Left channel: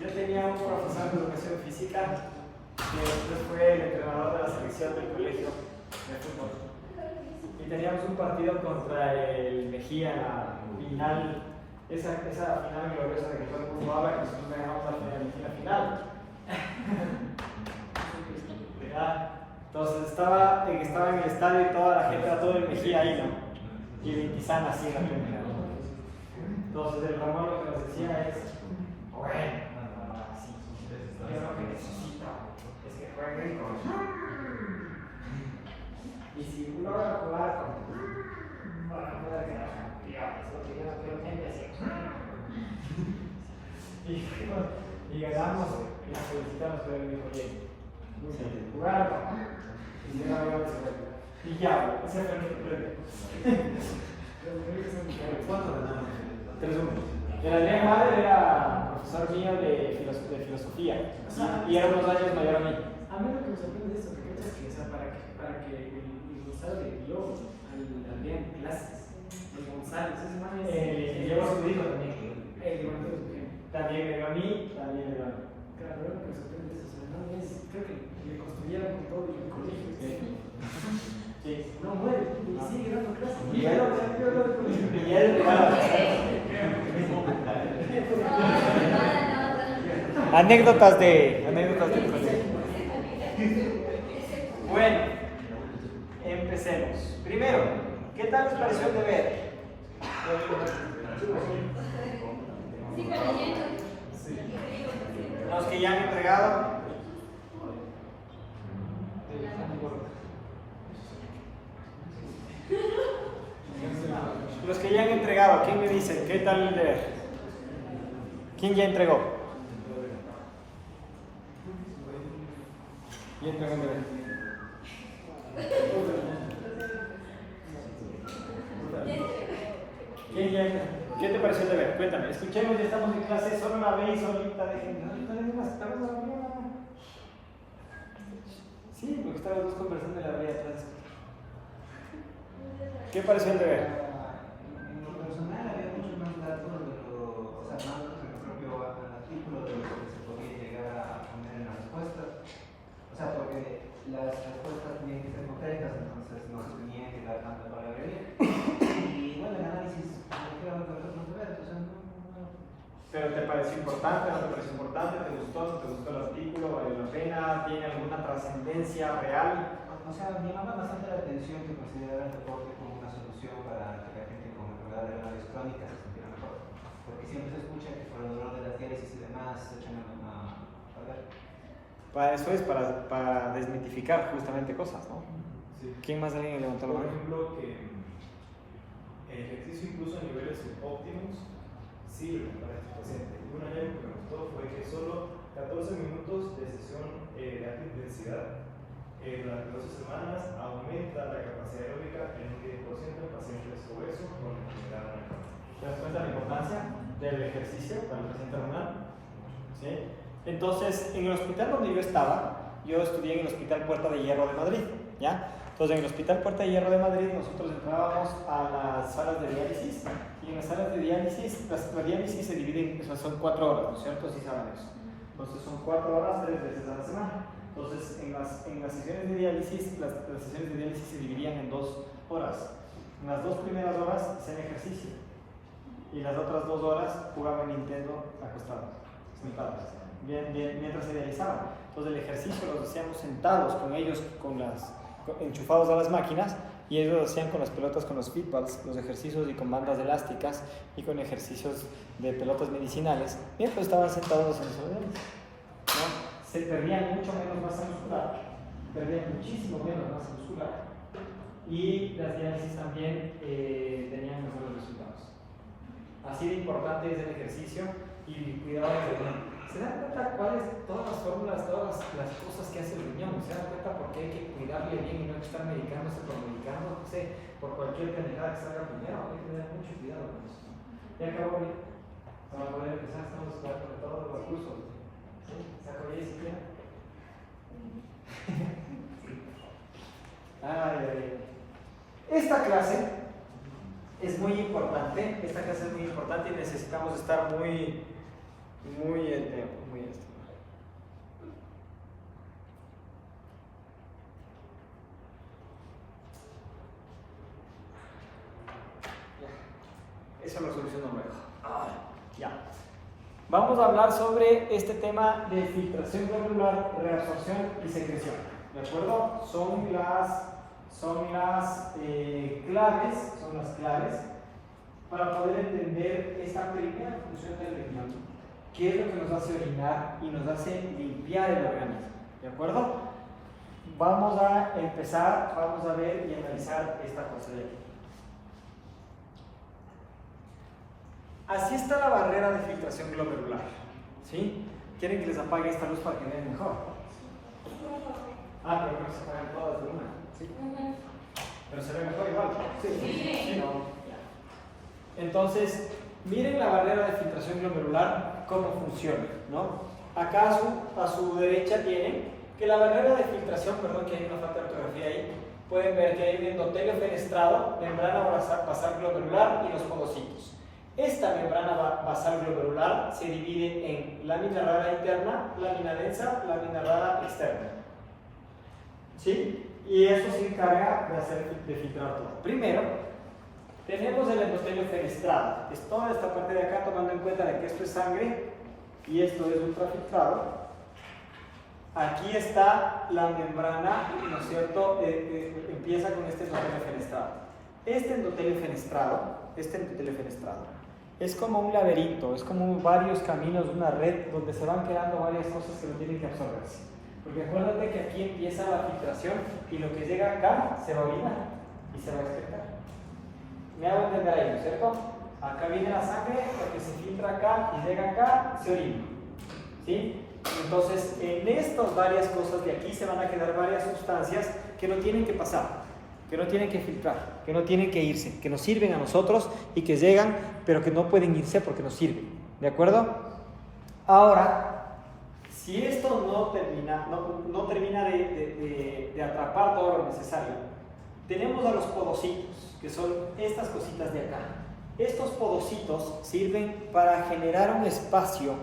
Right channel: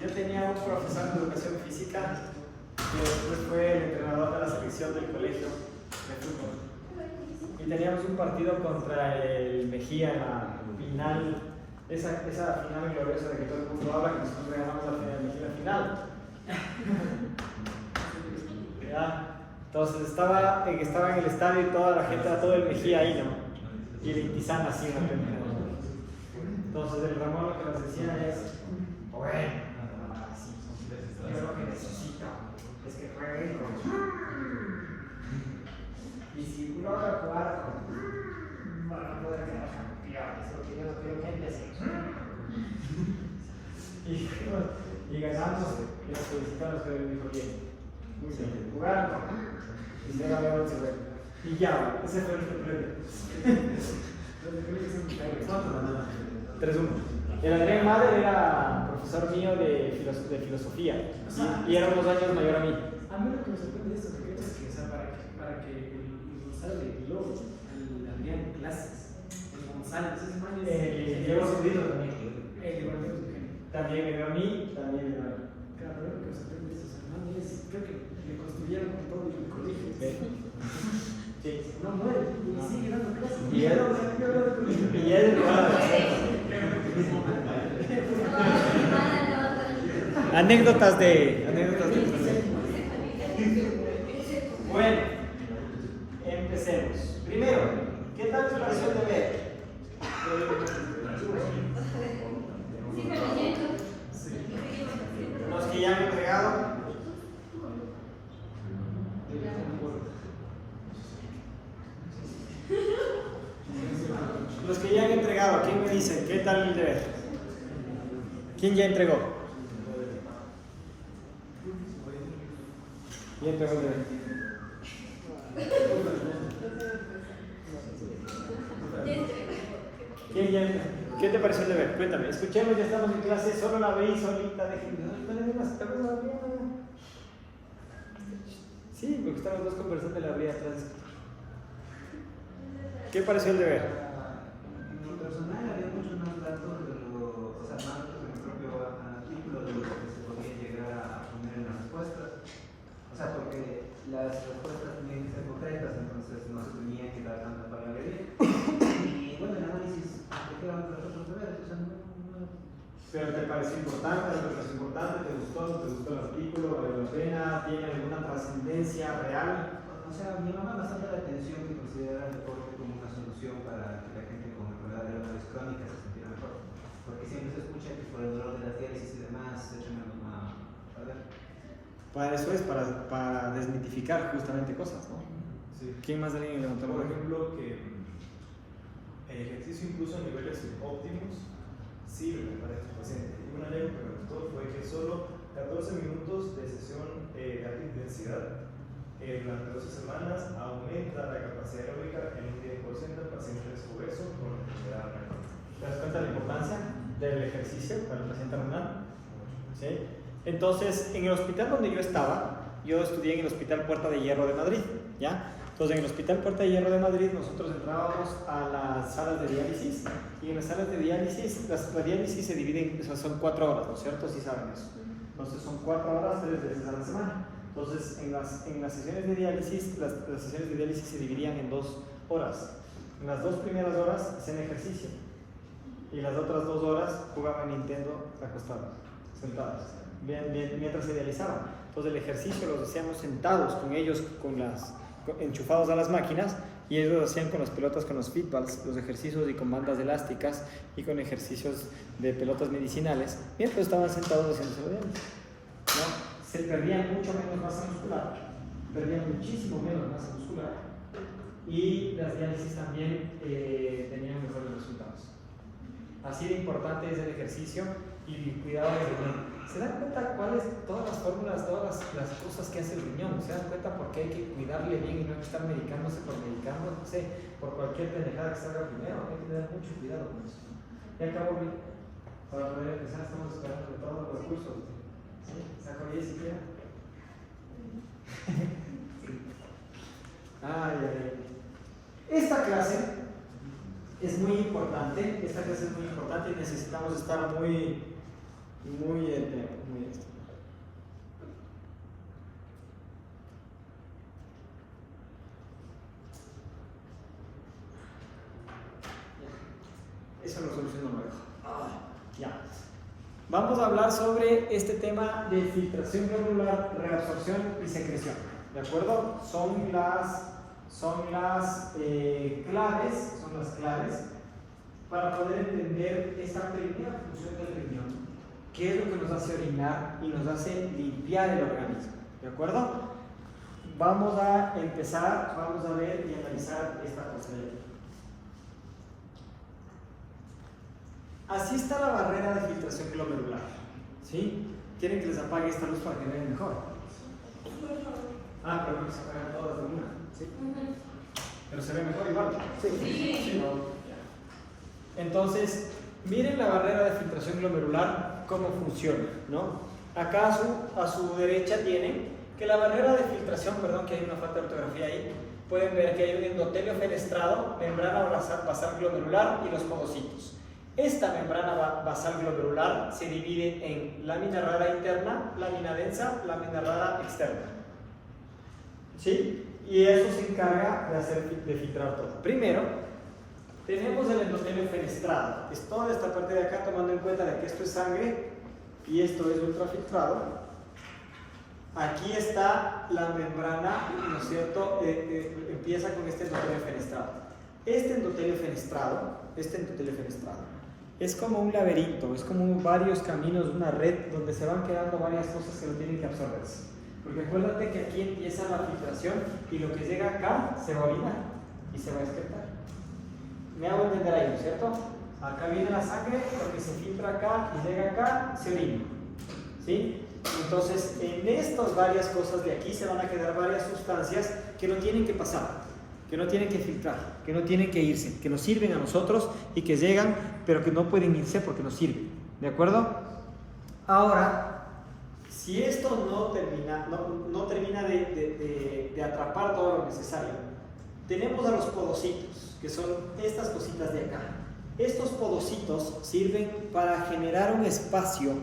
Yo tenía un profesor de educación física que después fue el entrenador de la selección del colegio de fútbol. Y teníamos un partido contra el Mejía en la final, esa final gloriosa de que todo el mundo habla, que nosotros le ganamos al final, la final. ¿Ya? Entonces estaba en el estadio y toda la gente, todo el Mejía ahí, ¿no? Y el Intizán así en la primera. Entonces el Ramón lo que nos decía es, bueno, yo lo que necesito es que jueguen con... Y si uno va a jugar con... Van a poder quedar campeones, porque yo no quiero gente así. Y ganamos y las felicitamos por el mismo bien. Jugaron y se ganó y ya, ese fue el premio. 3-1. El Adrián Madre era profesor mío de filosofía y era unos años mayor a mí. A mí lo que me sorprende es esto, que para que el Gonzalo le dio al Adrián clases, el Gonzalo, ese man es... Llevo a su hijo también. También le dio a mí, también le dio a mí. Claro, pero lo que me sorprende es eso, hermano, creo que le construyeron todo el colegio. Sí. No muere, y sigue dando clases. Y él anécdotas de Bueno, empecemos. Primero, ¿qué tal tu pareció de ver? Los que ya han entregado. Los que ya han entregado, ¿quién me dice? ¿Qué tal el deber? ¿Quién ya entregó? ¿Quién entregó el deber? ¿Quién ya entregó? ¿Qué te pareció el deber? Cuéntame, escuchemos, ya estamos en clase, solo la veis ahorita, Sí, me gustaron los dos conversando de la vida atrás. ¿Qué pareció el deber? En lo personal había muchos más datos de lo, o sea, más datos en el propio artículo de lo que se podría llegar a poner en las respuestas. O sea, porque las respuestas tenían que ser concretas, entonces no se tenía que dar tanta palabrería. Y bueno, el análisis de qué vamos a nosotros deberes, o sea, no. ¿Pero te pareció importante? ¿No te pareció importante? ¿Te gustó? ¿Te gustó el artículo? ¿Vale la pena? ¿Tiene alguna trascendencia real? O sea, me llama bastante la atención que considerara el deporte como una solución para que la gente con enfermedades renales crónicas se sintiera mejor. Porque siempre se escucha que por el dolor de las diálisis y demás se echan a ver. Para eso es, para desmitificar justamente cosas, ¿no? Sí. ¿Quién más de alguien levantó la Por mano? ejemplo, que el ejercicio incluso a niveles óptimos sirve para este paciente. Un anécdota que me gustó fue que solo 14 minutos de sesión de alta intensidad durante 12 semanas aumenta la capacidad aeróbica en un 10% en pacientes obesos con enfermedad renal. ¿Te das cuenta de la importancia del ejercicio para el paciente renal? ¿Sí? Entonces, en el hospital donde yo estaba, yo estudié en el Hospital Puerta de Hierro de Madrid, ¿ya? Entonces, en el Hospital Puerta de Hierro de Madrid, nosotros entrábamos a las salas de diálisis, y en las salas de diálisis, la diálisis se divide, o sea, son 4 horas, ¿no es cierto? Sí saben eso. Entonces, son 4 horas, 3 veces a la semana. Entonces, en las sesiones de diálisis, las sesiones de diálisis se dividían en 2 horas. En las 2 primeras horas hacían ejercicio, y las otras 2 horas jugaban Nintendo acostados, sentados, mientras se dializaban. Entonces, el ejercicio lo hacíamos sentados con ellos, enchufados a las máquinas, y ellos lo hacían con las pelotas, con los feedballs, los ejercicios y con bandas elásticas y con ejercicios de pelotas medicinales, mientras estaban sentados haciendo su diálisis, ¿no? Se perdía mucho menos masa muscular, perdían muchísimo menos masa muscular, y las diálisis también tenían mejores resultados. Así de importante es el ejercicio y cuidado del riñón. ¿Se dan cuenta cuáles todas las fórmulas, todas las cosas que hace el riñón? ¿Se dan cuenta por qué hay que cuidarle bien y no hay que estar medicándose por medicando, no sé, por cualquier pendejada que salga el dinero? Hay que tener mucho cuidado con eso. Ya acabó bien. Para poder empezar, estamos esperando de todos los cursos. ¿Sí? ¿Saco 10 siquiera? Ay, ay, ay. Esta clase es muy importante, y necesitamos estar muy Muy el tema, muy esto. Eso lo soluciono luego. Ya. Vamos a hablar sobre este tema de filtración glomerular, reabsorción y secreción. ¿De acuerdo? Son las claves para poder entender esta primera función del riñón, que es lo que nos hace orinar y nos hace limpiar el organismo. ¿De acuerdo? Vamos a empezar, vamos a ver y analizar esta cosa de aquí. Así está la barrera de filtración glomerular. ¿Sí? ¿Quieren que les apague esta luz para que vean mejor? Ah, pero no se apagan todas de una. ¿Sí? Pero se ve mejor igual. Sí. No. Entonces, miren la barrera de filtración glomerular, cómo funciona, ¿no? Acá a su derecha tienen que la barrera de filtración, perdón que hay una falta de ortografía ahí, pueden ver que hay un endotelio fenestrado, membrana basal glomerular y los podocitos. Esta membrana basal glomerular se divide en lámina rara interna, lámina densa, lámina rara externa. ¿Sí? Y eso se encarga de filtrar todo. Primero, tenemos el endotelio fenestrado. Es toda esta parte de acá, tomando en cuenta de que esto es sangre y esto es ultrafiltrado. Aquí está la membrana, ¿no es cierto? Empieza con este endotelio fenestrado. Este endotelio fenestrado es como un laberinto, es como varios caminos, una red donde se van quedando varias cosas que no tienen que absorberse. Porque acuérdate que aquí empieza la filtración y lo que llega acá se va a orinar y se va a excretar. Me hago entender ahí, ¿no es cierto? Acá viene la sangre, lo que se filtra acá y llega acá, se orina. ¿Sí? Entonces, en estas varias cosas de aquí se van a quedar varias sustancias que no tienen que pasar, que no tienen que filtrar, que no tienen que irse, que nos sirven a nosotros y que llegan, pero que no pueden irse porque nos sirven. ¿De acuerdo? Ahora, si esto no termina de atrapar todo lo necesario, tenemos a los podocitos, que son estas cositas de acá. Estos podocitos sirven para generar un espacio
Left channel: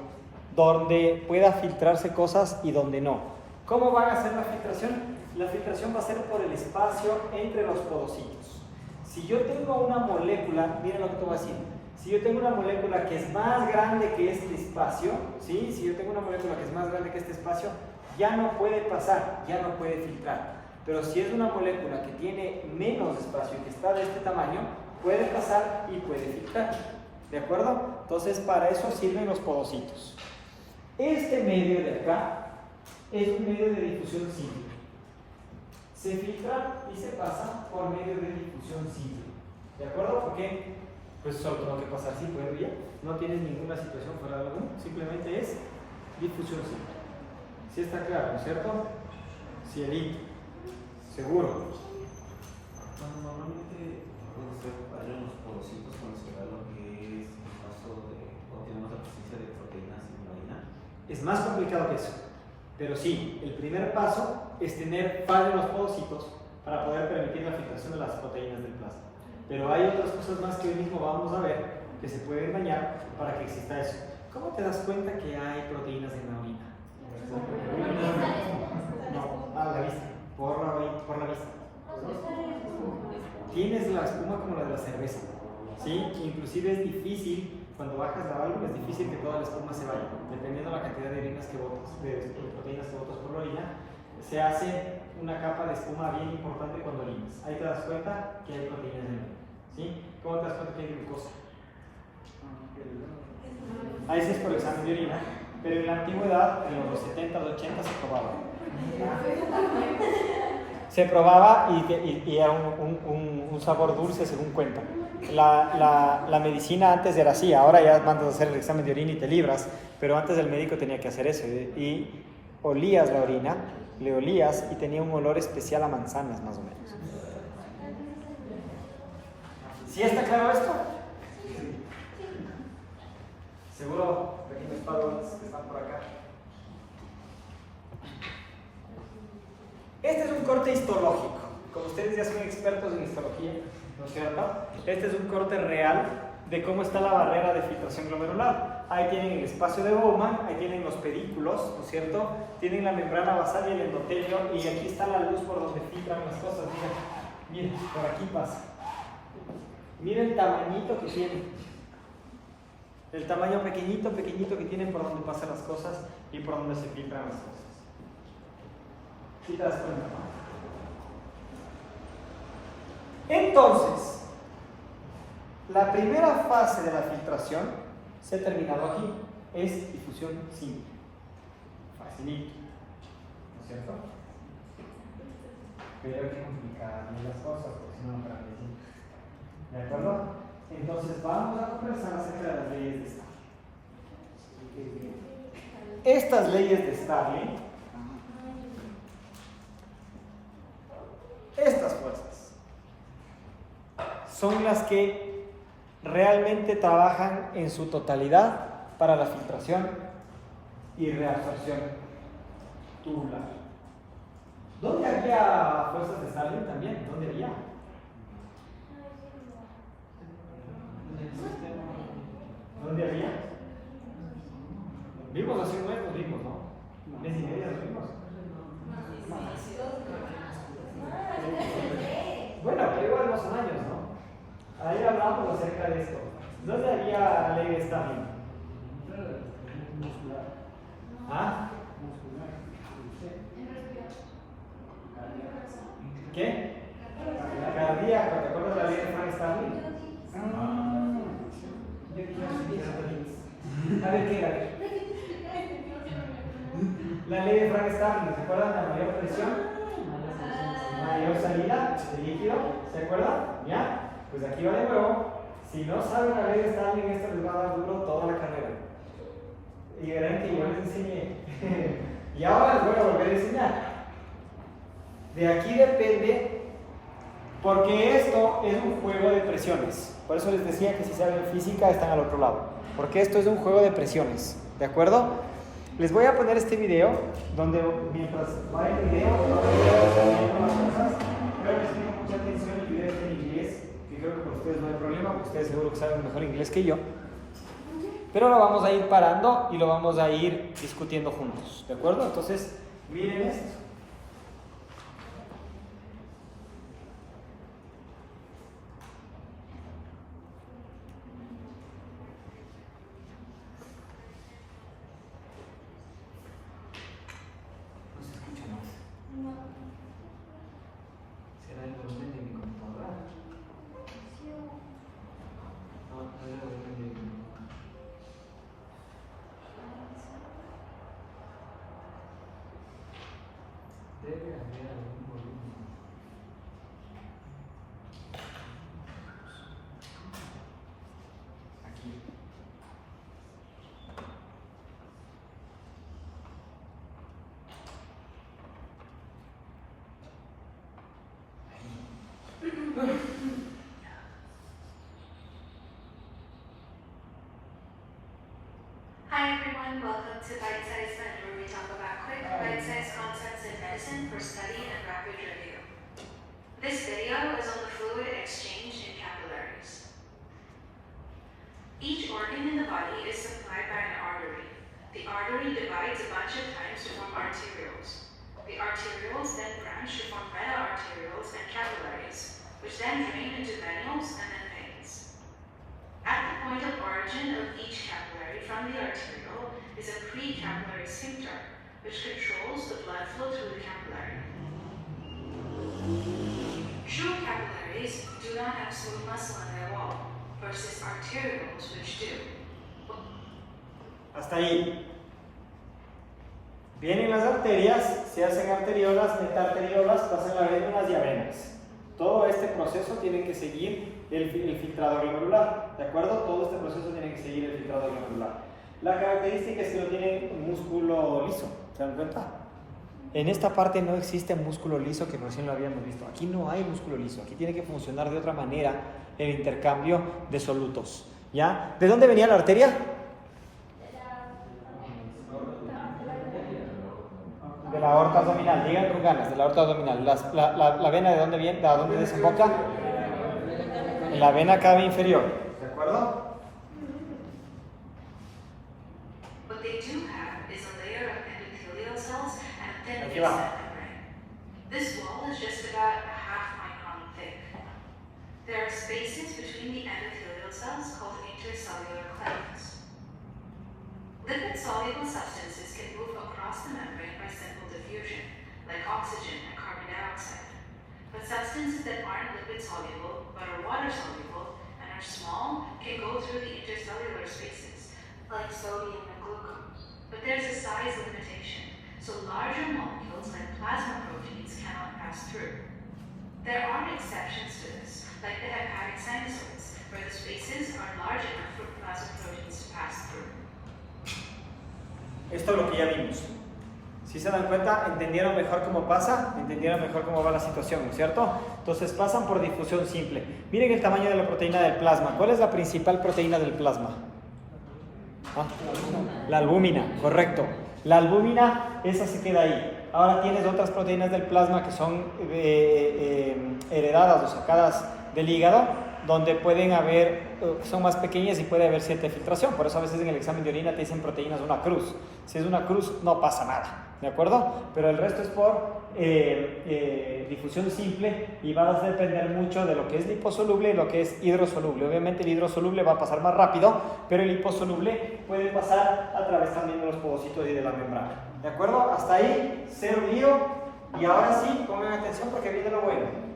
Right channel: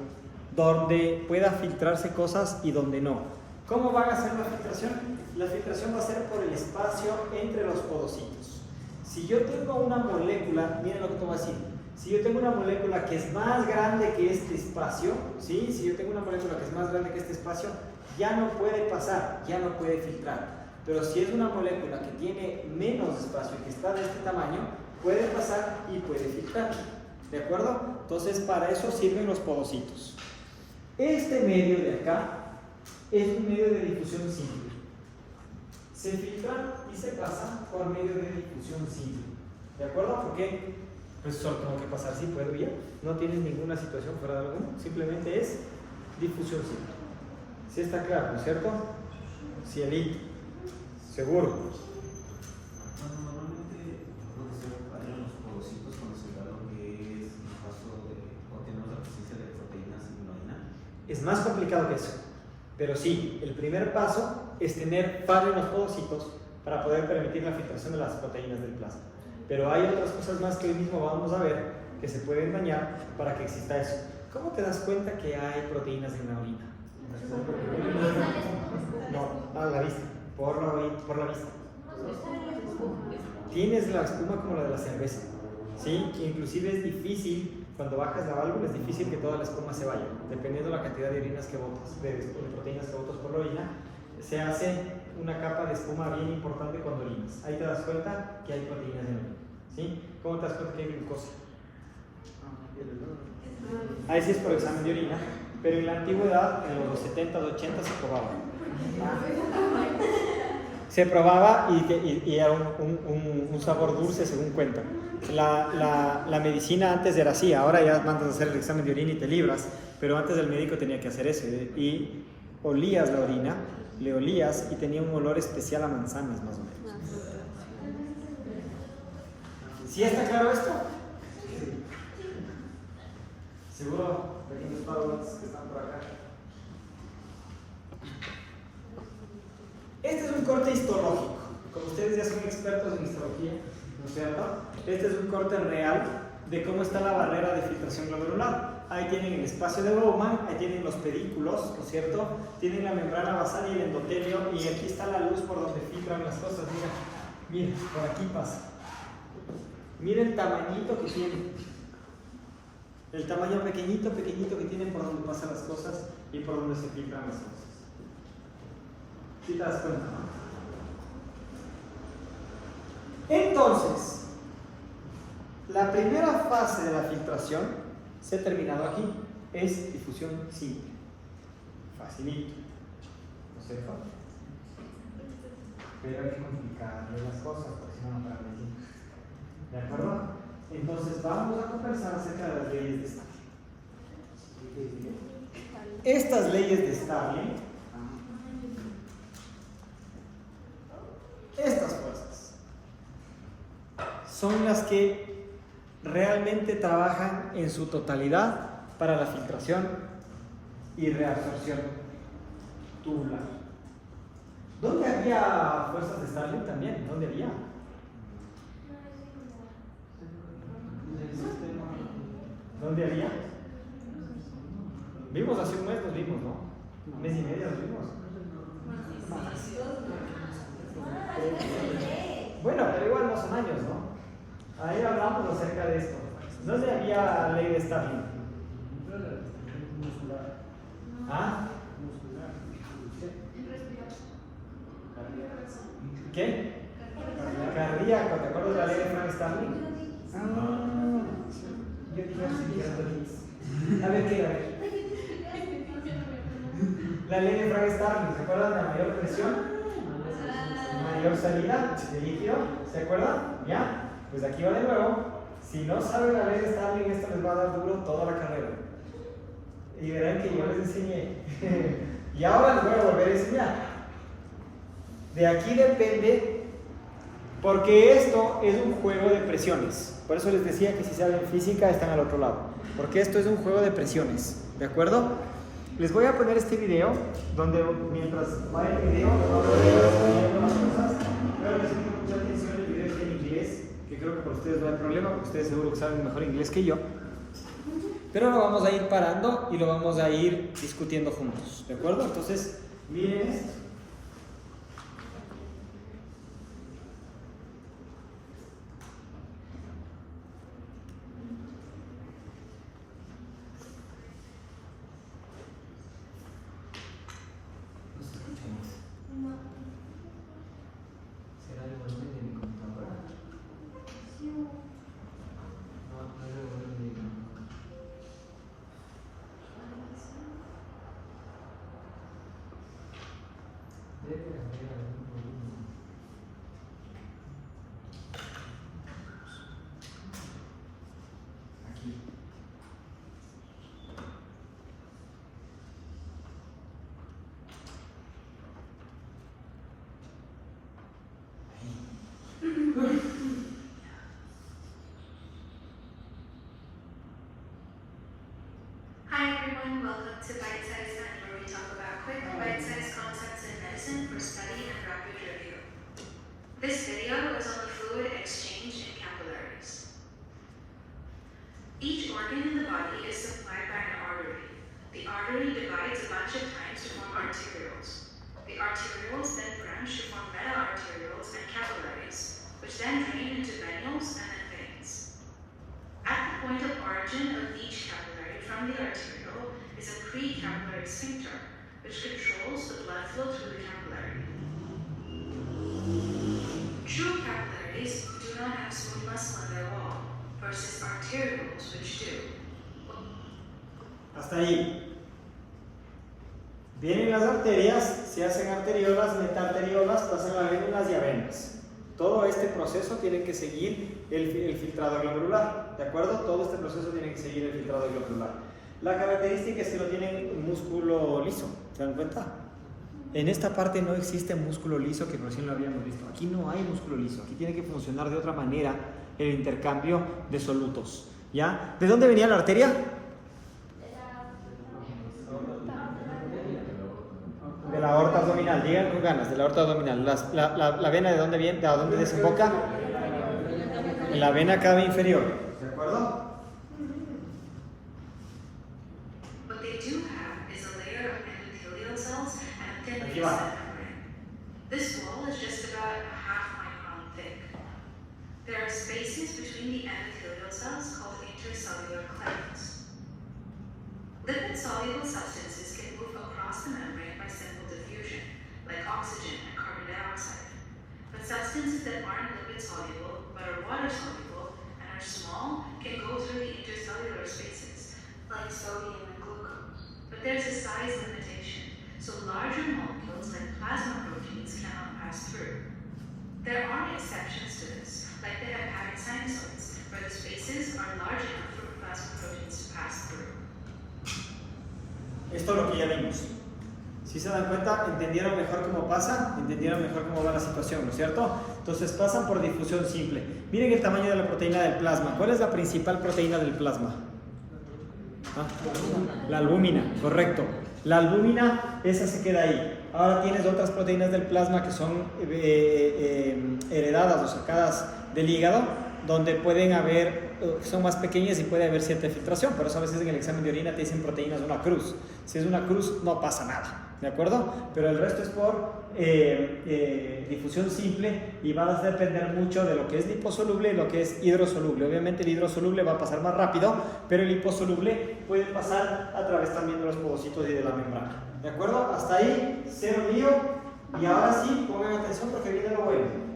donde pueda filtrarse cosas y donde no. ¿Cómo van a hacer la filtración? La filtración va a ser por el espacio entre los podocitos. Si yo tengo una molécula, miren lo que te voy a decir. Si yo tengo una molécula que es más grande que este espacio, ¿sí? Si yo tengo una molécula que es más grande que este espacio, ya no puede pasar, ya no puede filtrar. Pero si es una molécula que tiene menos espacio y que está de este tamaño, puede pasar y puede filtrar. ¿De acuerdo? Entonces, para eso sirven los podocitos. Este medio de acá es un medio de difusión simple. Se filtra y se pasa por medio de difusión simple. ¿De acuerdo? ¿Por qué? Pues solo tengo que pasar simple, ¿ya? No tienes ninguna situación fuera de alguno, simplemente es difusión simple. ¿Sí está claro, no es cierto? Cielito. Seguro. Normalmente puede ser en los podocitos cuando se da lo que es el paso o tenemos la presencia de proteínas en la orina. Es más complicado que eso, pero sí, el primer paso es tener fallo en los podocitos para poder permitir la filtración de las proteínas del plasma. Pero hay otras cosas más que hoy mismo vamos a ver que se pueden dañar para que exista eso. ¿Cómo te das cuenta que hay proteínas en la orina? No, a la vista, por la vista. Tienes la espuma como la de la cerveza, ¿sí? Inclusive es difícil, cuando bajas la válvula, es difícil que toda la espuma se vaya, dependiendo de la cantidad de orinas que botas, de proteínas que botas por la orina. Se hace una capa de espuma bien importante cuando orinas. Ahí te das cuenta que hay proteínas en la orina, ¿sí? ¿Cómo te das cuenta que hay glucosa? Ahí sí es por el examen de orina, pero en la antigüedad, en los 70, 80 se probaba. Se probaba y era un sabor dulce según cuentan. La medicina antes era así, ahora ya mandas a hacer el examen de orina y te libras, pero antes el médico tenía que hacer eso y olías la orina, le olías y tenía un olor especial a manzanas más o menos. ¿Sí está claro esto? Seguro pequeños padres que están por acá. Este es un corte histológico. Como ustedes ya son expertos en histología, ¿no es cierto? Este es un corte real de cómo está la barrera de filtración glomerular. ahí tienen el espacio de Bowman, ahí tienen los pedículos, ¿no es cierto? Tienen la membrana basal y el endotelio, y aquí está la luz por donde filtran las cosas. Mira, por aquí pasa. Mira el tamañito que tiene. El tamaño pequeñito que tiene por donde pasan las cosas y por donde se filtran las cosas. ¿Sí te das cuenta, no? Entonces, la primera fase de la filtración se ha terminado aquí. Es difusión simple. Facilito. ¿No es cierto? Pero hay que complicarle las cosas, porque si no, no para decir. ¿De acuerdo? Entonces vamos a conversar acerca de las leyes de Stirling. Estas leyes de Stirling, estas fuerzas, son las que realmente trabajan en su totalidad para la filtración y reabsorción tubular. ¿Dónde había fuerzas de Stirling también? ¿Dónde había? ¿Dónde había? Vimos hace un mes, nos vimos, ¿no? Un mes y medio nos vimos. Bueno, pero igual no son años, ¿no? Ahí hablamos acerca de esto. ¿Dónde había ley de Stirling? ¿Ah? ¿Qué? Cardíaco, ¿te acuerdas de la ley de Frank Stirling? A ver qué era. La ley de Frank Stirling, ¿se acuerdan de la mayor presión? Mayor salida de líquido, ¿se acuerdan? ¿Ya? Pues aquí va de nuevo. Si no saben la ley de Stirling, esto les va a dar duro toda la carrera. Y verán que yo les enseñé. Y ahora les voy a volver a enseñar. De aquí depende, porque esto es un juego de presiones. Por eso les decía que si saben física están al otro lado. Porque esto es un juego de presiones. ¿De acuerdo? Les voy a poner este video, donde mientras va el video, creo que si tienen mucha atención, el video está en inglés, que creo que para ustedes no hay problema, porque ustedes seguro que saben mejor inglés que yo. Pero lo vamos a ir parando y lo vamos a ir discutiendo juntos. ¿De acuerdo? Entonces, miren esto. Hi everyone, welcome to Bite Size Med, where we talk about quick, bite-sized concepts in medicine for study and rapid review. This video is on the fluid exchange in capillaries. Each organ in the body is supplied by an artery. The artery divides a bunch of times to form arterioles. The arterioles then branch to form meta-arterioles and capillaries, which then drain into venules and then veins. At the point of origin of each capillary from the arteriole is a precapillary sphincter, which controls the blood flow through the capillary. True capillaries do not have smooth muscle on their wall, versus arterioles which do. Hasta ahí. Vienen las arterias, se hacen arteriolas, metaarteriolas, pasan a vénulas y a venas. Todo este proceso tiene que seguir el filtrado glomerular, ¿de acuerdo? Todo este proceso tiene que seguir el filtrado glomerular. La característica es que no tienen un músculo liso, ¿se dan cuenta? En esta parte no existe músculo liso, que recién lo habíamos visto. Aquí no hay músculo liso, aquí tiene que funcionar de otra manera el intercambio de solutos, ¿ya? ¿De dónde venía la arteria? De la aorta abdominal, digan con ganas, de la aorta abdominal. La vena de dónde viene, de dónde desemboca? En la vena cava inferior, ¿de acuerdo? aquí va. cell membrane. This wall is just about a half micron thick. There are spaces between the endothelial cells called intercellular clefts. Lipid-soluble substances can move across the membrane by simple diffusion, like oxygen and carbon dioxide. But substances that aren't lipid-soluble, but are water-soluble, and are small, can go through the intercellular spaces, like sodium and glucose. But there's a size limitation, so larger molecules like plasma proteins cannot pass through. There are exceptions to this, like the hepatic sinusoids, where the spaces are large enough for plasma proteins to pass through. Esto es lo que ya vimos. Si se dan cuenta, entendieron mejor cómo pasa, entendieron mejor cómo va la situación, ¿no es cierto? Entonces pasan por difusión simple. Miren el tamaño de la proteína del plasma. ¿Cuál es la principal proteína del plasma? La albúmina, correcto. La albúmina, esa se queda ahí. Ahora tienes otras proteínas del plasma que son heredadas o sacadas del hígado, donde pueden haber, son más pequeñas y puede haber cierta filtración. Por eso a veces en el examen de orina te dicen proteínas de una cruz. Si es una cruz no pasa nada, ¿de acuerdo? Pero el resto es por difusión simple y va a depender mucho de lo que es liposoluble y lo que es hidrosoluble. Obviamente el hidrosoluble va a pasar más rápido, pero el liposoluble puede pasar a través también de los povocitos y de la membrana. ¿De acuerdo? Hasta ahí, cero lío. Y ahora sí, pongan atención porque viene lo bueno.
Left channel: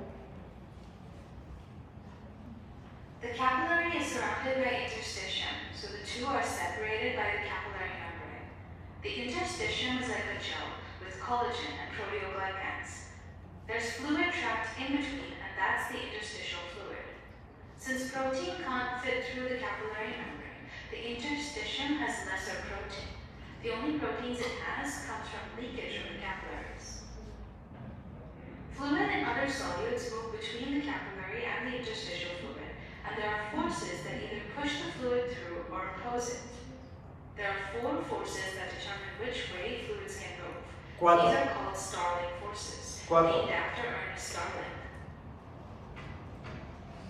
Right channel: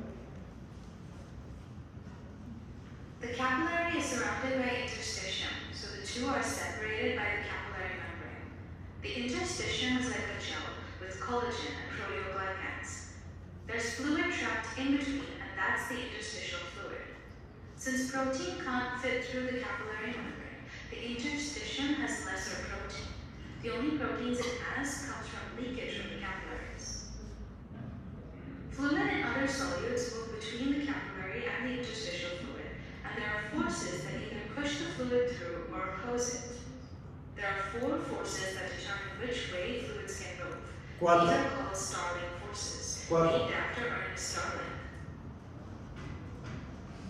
The capillary is surrounded by interstitium, so the two are separated by the capillary membrane. The interstitium is like a gel with collagen and proteoglycans. There's fluid trapped in between, and that's the interstitial fluid. Since protein can't fit through the capillary membrane, the interstitium has lesser protein. The only proteins it has comes from leakage of the capillaries. Fluid and other solutes move between the capillary and the interstitial fluid, and there are forces that either push the fluid through or oppose it. There are 4 forces that determine which way fluids can move. Cuatro. These are called Starling forces, Cuatro. named after Ernest Starling.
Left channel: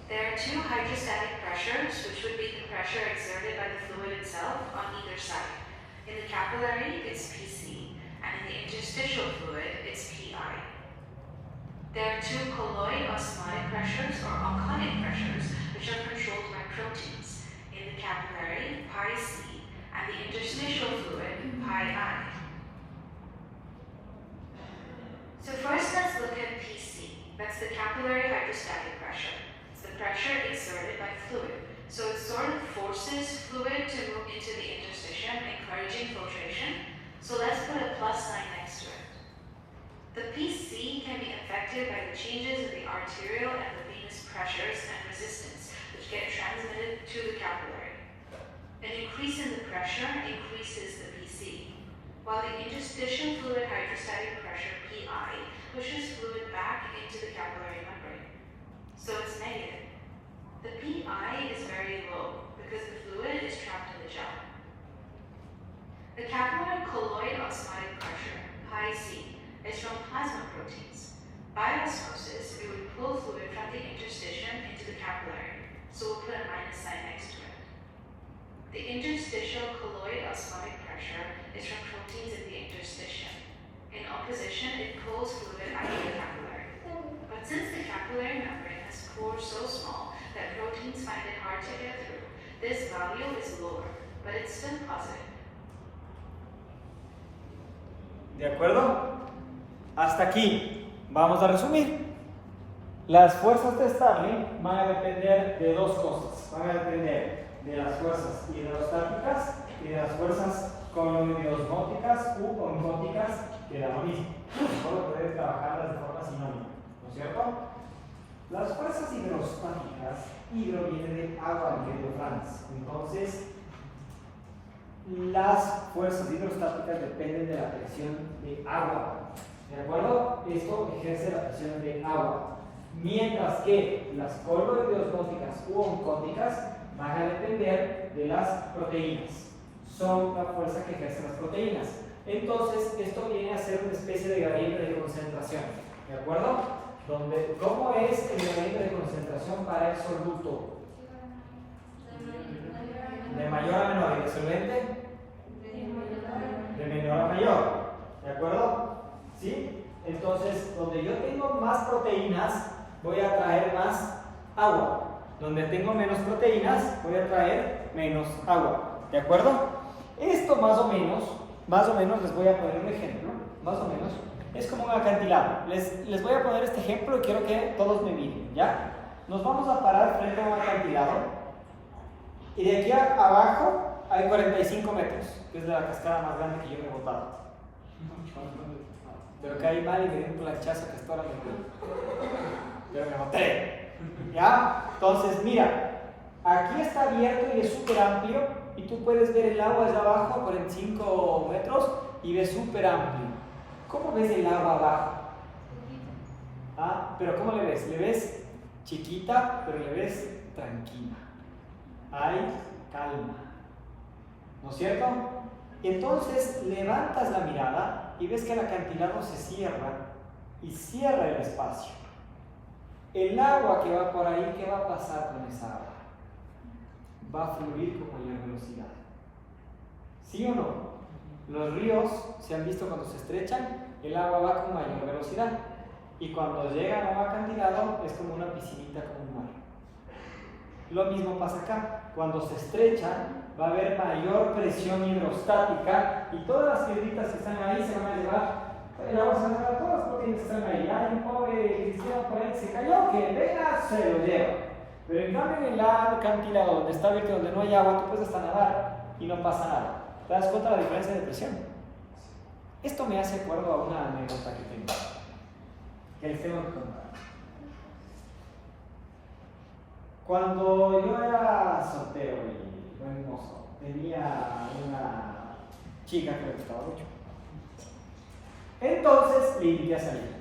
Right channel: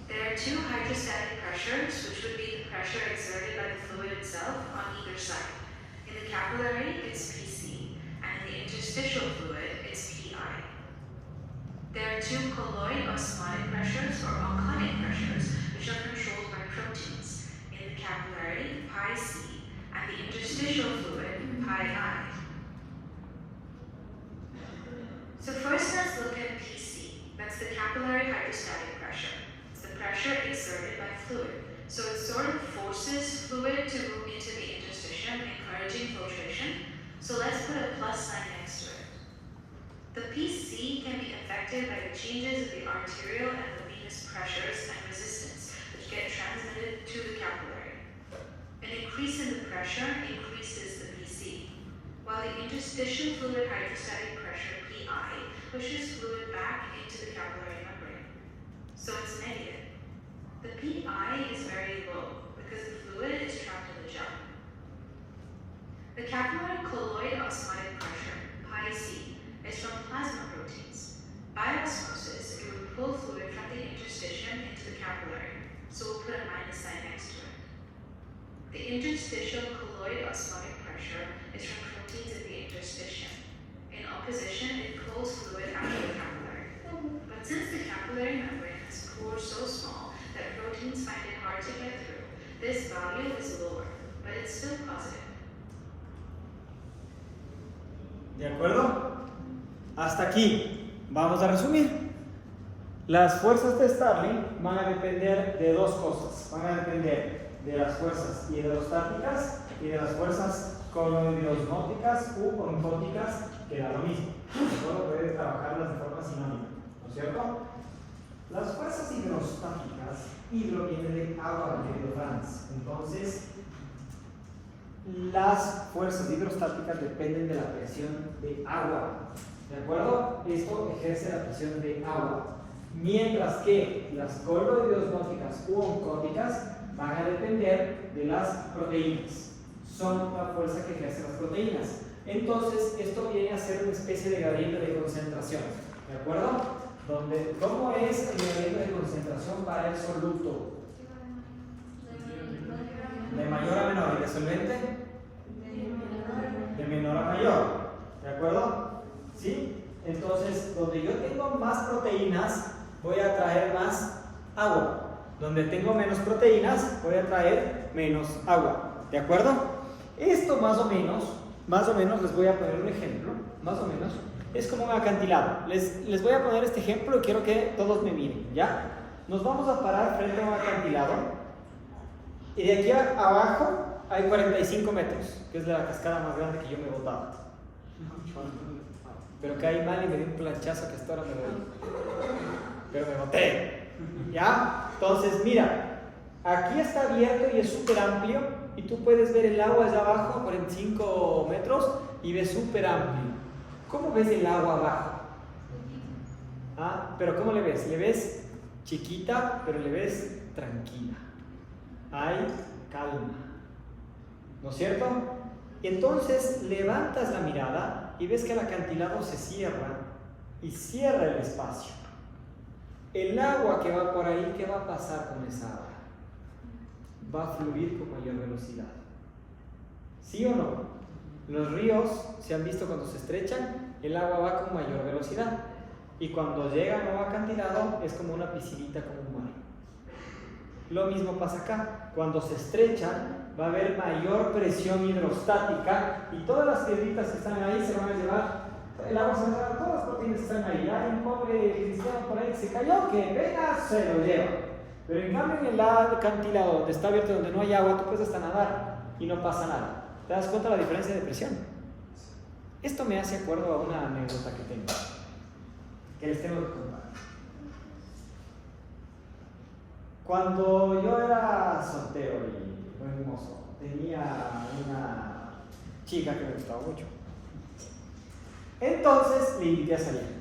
There are 2 hydrostatic pressures, which would be the pressure exerted by the fluid itself on either side. In the capillary, it's PC, and in the interstitial fluid, it's PI. There are 2 colloid osmotic pressures or onconic pressures, which are controlled by proteins. In the capillary, pi C, and the interstitial fluid, pi I. So first let's look at PC. That's the capillary hydrostatic pressure. It's the pressure exerted by fluid. So it sort of forces fluid to move into the interstitium, encouraging filtration. So let's put a plus sign next to it. The PC can be affected by the changes in the arterial and the venous pressures and resistance, which get transmitted to the capillary. An increase in the pressure increases the PC, while the interstitial fluid hydrostatic pressure PI pushes fluid back into the capillary membrane. So it's negative. The PI is very low because the fluid is trapped in the gel. The capillary colloid osmotic pressure, pi C, is from plasma proteins. By osmosis, it would pull fluid from the interstitium into the capillary, so we'll put a minus sign next to it. The interstitial colloid osmotic pressure is from proteins in the interstitium. In opposition, it pulls fluid out of the capillary. But since the capillary membrane has pores so small that proteins find it hard to get through, this value is lower, but it's still positive. ¿De acuerdo? Hasta aquí. Vamos a resumir. Las fuerzas de Starling van a depender de 2 cosas. Van a depender de las fuerzas hidrostáticas y de las fuerzas coloidosmóticas u oncóticas, que da lo mismo. Solo puedes trabajarlas de forma sinónima, ¿no es cierto? Las fuerzas hidrostáticas, hidro viene de agua, mi querido Franz. Entonces, las fuerzas hidrostáticas dependen de la presión de agua. ¿De acuerdo? Esto ejerce la presión de agua. Mientras que las coloidosmóticas u oncóticas van a depender de las proteínas. Son la fuerza que ejercen las proteínas. Entonces, esto viene a ser una especie de gradiente de concentración. ¿De acuerdo? ¿Cómo es el gradiente de concentración para el soluto? De mayor a menor. ¿Y de solvente? De menor a mayor. ¿De acuerdo? ¿sí? Entonces, donde yo tengo más proteínas, voy a traer más agua. Donde tengo menos proteínas, voy a traer menos agua. ¿De acuerdo? Esto más o menos les voy a poner un ejemplo, más o menos, es como un acantilado. Les voy a poner este ejemplo y quiero que todos me miren, ¿ya? Nos vamos a parar frente a un acantilado y de aquí abajo hay 45 metros, que es de la cascada más grande que yo me he botado. Pero caí mal y me di un planchazo que hasta ahora me voy. Pero me boté, ¿ya? Entonces, mira, aquí está abierto y es súper amplio y tú puedes ver el agua allá abajo, 45 metros, y ves súper amplio. ¿Cómo ves el agua abajo? Pero ¿cómo le ves? Le ves chiquita, pero le ves tranquila. Hay calma, ¿no es cierto? Entonces levantas la mirada y ves que el acantilado se cierra y cierra el espacio. El agua que va por ahí, ¿qué va a pasar con esa agua? Va a fluir con mayor velocidad. ¿Sí o no? Los ríos, se han visto cuando se estrechan, el agua va con mayor velocidad. Y cuando llega a un acantilado, es como una piscinita, como un mar. Lo mismo pasa acá. Cuando se estrechan, va a haber mayor presión hidrostática y todas las piedritas que están ahí se van a llevar. El agua se va a llevar todas las proteínas que están ahí. Hay un pobre cristiano por ahí que se cayó, que venga, se lo lleva. Pero en cambio en el acantilado donde está abierto, donde no hay agua, tú puedes hasta nadar y no pasa nada. ¿Te das cuenta de la diferencia de presión? Esto me hace acuerdo a una anécdota que tengo, que les tengo que contar. Cuando yo era soltero y buen mozo, tenía una chica que me gustaba mucho. Entonces le invité a salir,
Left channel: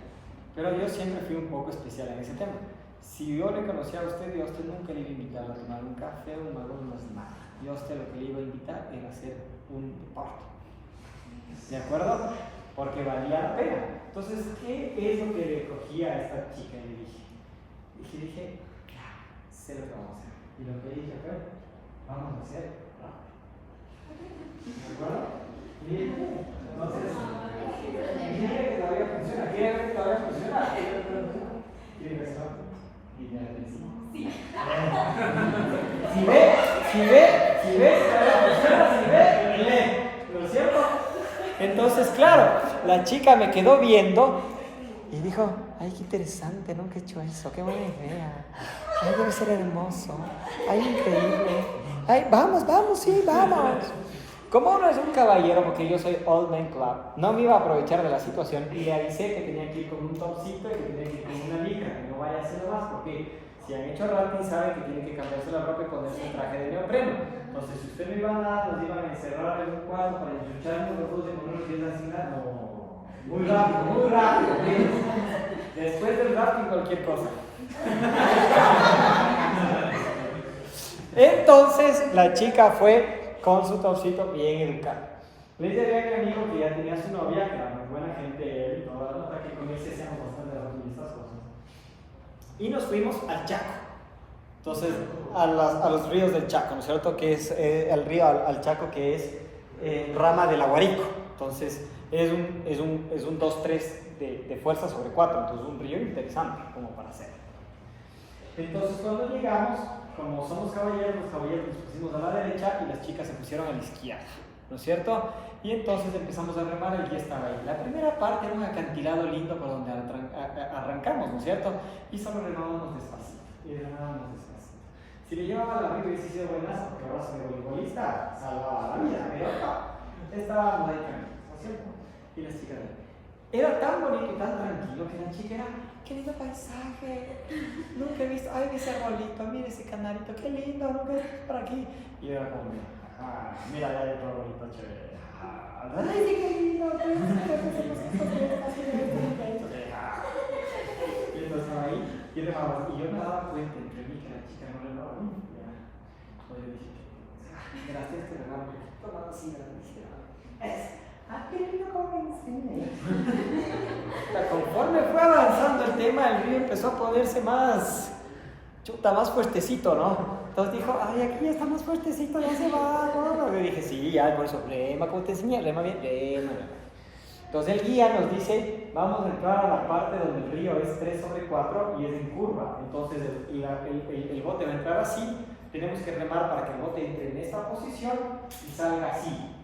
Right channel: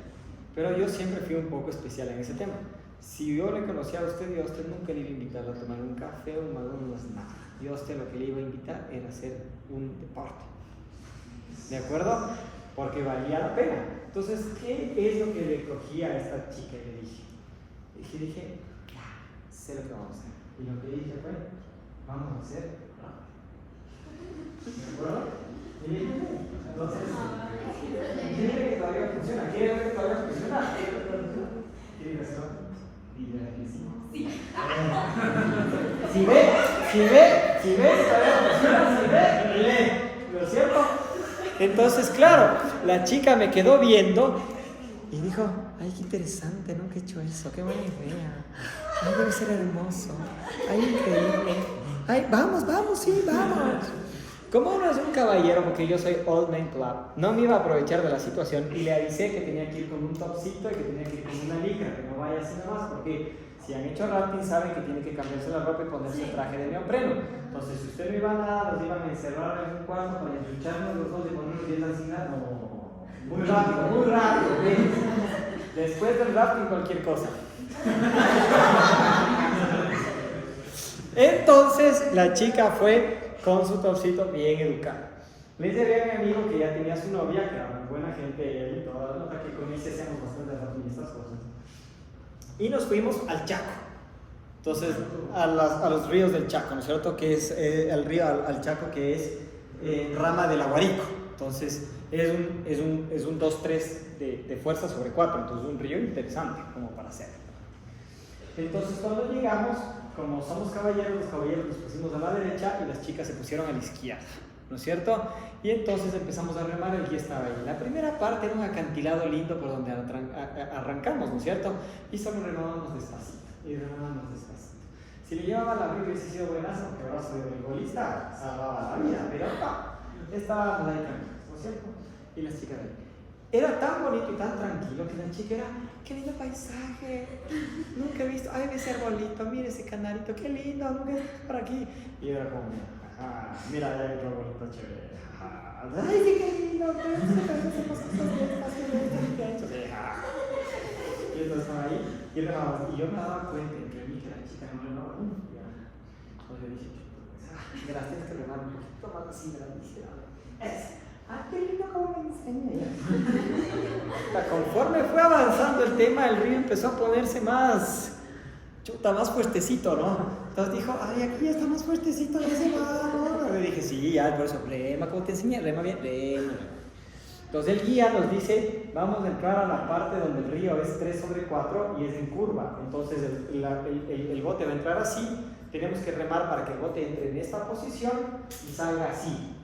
pero yo siempre fui un poco especial en ese tema. Si yo le conocía a usted, yo a usted nunca le iba a invitar a tomar un café o un McDonald's, nada. Yo a usted lo que le iba a invitar era hacer un deporte. ¿De acuerdo? Porque valía la pena. Entonces, ¿qué es lo que le cogí a esta chica? Y le dije, claro, sé lo que vamos a hacer. Y lo que le dije fue, vamos a hacer rap. ¿De acuerdo? Y entonces, quiere que todavía funciona, quiere ver que todavía funciona. ¿Quiere que se va? Y ya le decimos. Si ve, todavía funciona, lee. ¿No es cierto? Entonces, claro, la chica me quedó viendo y dijo, ay, qué interesante, nunca he hecho eso, qué buena idea. Ay, debe ser hermoso, ay, increíble. Ay, vamos, sí, vamos. Como uno es un caballero, porque yo soy Old Man Club, no me iba a aprovechar de la situación y le avisé que tenía que ir con un topcito y que tenía que ir con una licra, que no vaya a hacer más, porque si han hecho rafting saben que tienen que cambiarse la ropa y ponerse el traje de neopreno. Entonces, si usted no iba a nada, nos iban a encerrar en un cuarto para enchucharnos los dos y ponernos 10 así, no. Muy rápido. Después del rafting, cualquier cosa. Entonces, la chica fue con su topcito bien educado. Le llevé a mi amigo que ya tenía su novia, que era muy buena gente, él y toda la nota, que con él se hacíamos bastante rafting y estas cosas. Y nos fuimos al Chaco. Entonces, a los ríos del Chaco, ¿no es cierto? Que es el río al Chaco, que es rama del Aguarico. Entonces, es un 2-3 de fuerza sobre 4. Entonces, un río interesante como para hacer. Entonces, cuando llegamos, como somos caballeros, los caballeros nos pusimos a la derecha y las chicas se pusieron a la izquierda, ¿no es cierto? Y entonces empezamos a remar, el guía estaba ahí. La primera parte era un acantilado lindo por donde arrancamos, ¿no es cierto? Y solo remábamos despacito, Si le llevaba la río hubiese sido buenazo, porque ahora soy voleibolista, salvaba la vida, pero no, estábamos ahí tranquilos, ¿no es cierto? Y las chicas ahí. Era tan bonito y tan tranquilo que la chica era, qué lindo paisaje, nunca he visto, ay, ese arbolito, mire ese canarito, qué lindo, nunca he visto por aquí. Y era como, mira, hay otro arbolito chévere. Ay, qué lindo, y entonces estaba ahí, y yo me daba cuenta entre mí que la chica no le daba nunca. Entonces le dije, gracias, este regalo, un poquito más así, grande. Qué lindo como me enseñé. Conforme fue avanzando el tema, el río empezó a ponerse más fuertecito, ¿no? Entonces dijo, ay, aquí ya está más fuertecito, ya se va, ¿no? Le dije, sí, ya, por eso, rema, como te enseñé, rema bien, rema. Entonces el guía nos dice, vamos a entrar a la parte donde el río es 3/4 y es en curva. Entonces el bote va a entrar así, tenemos que remar para que el bote entre en esta posición y salga así.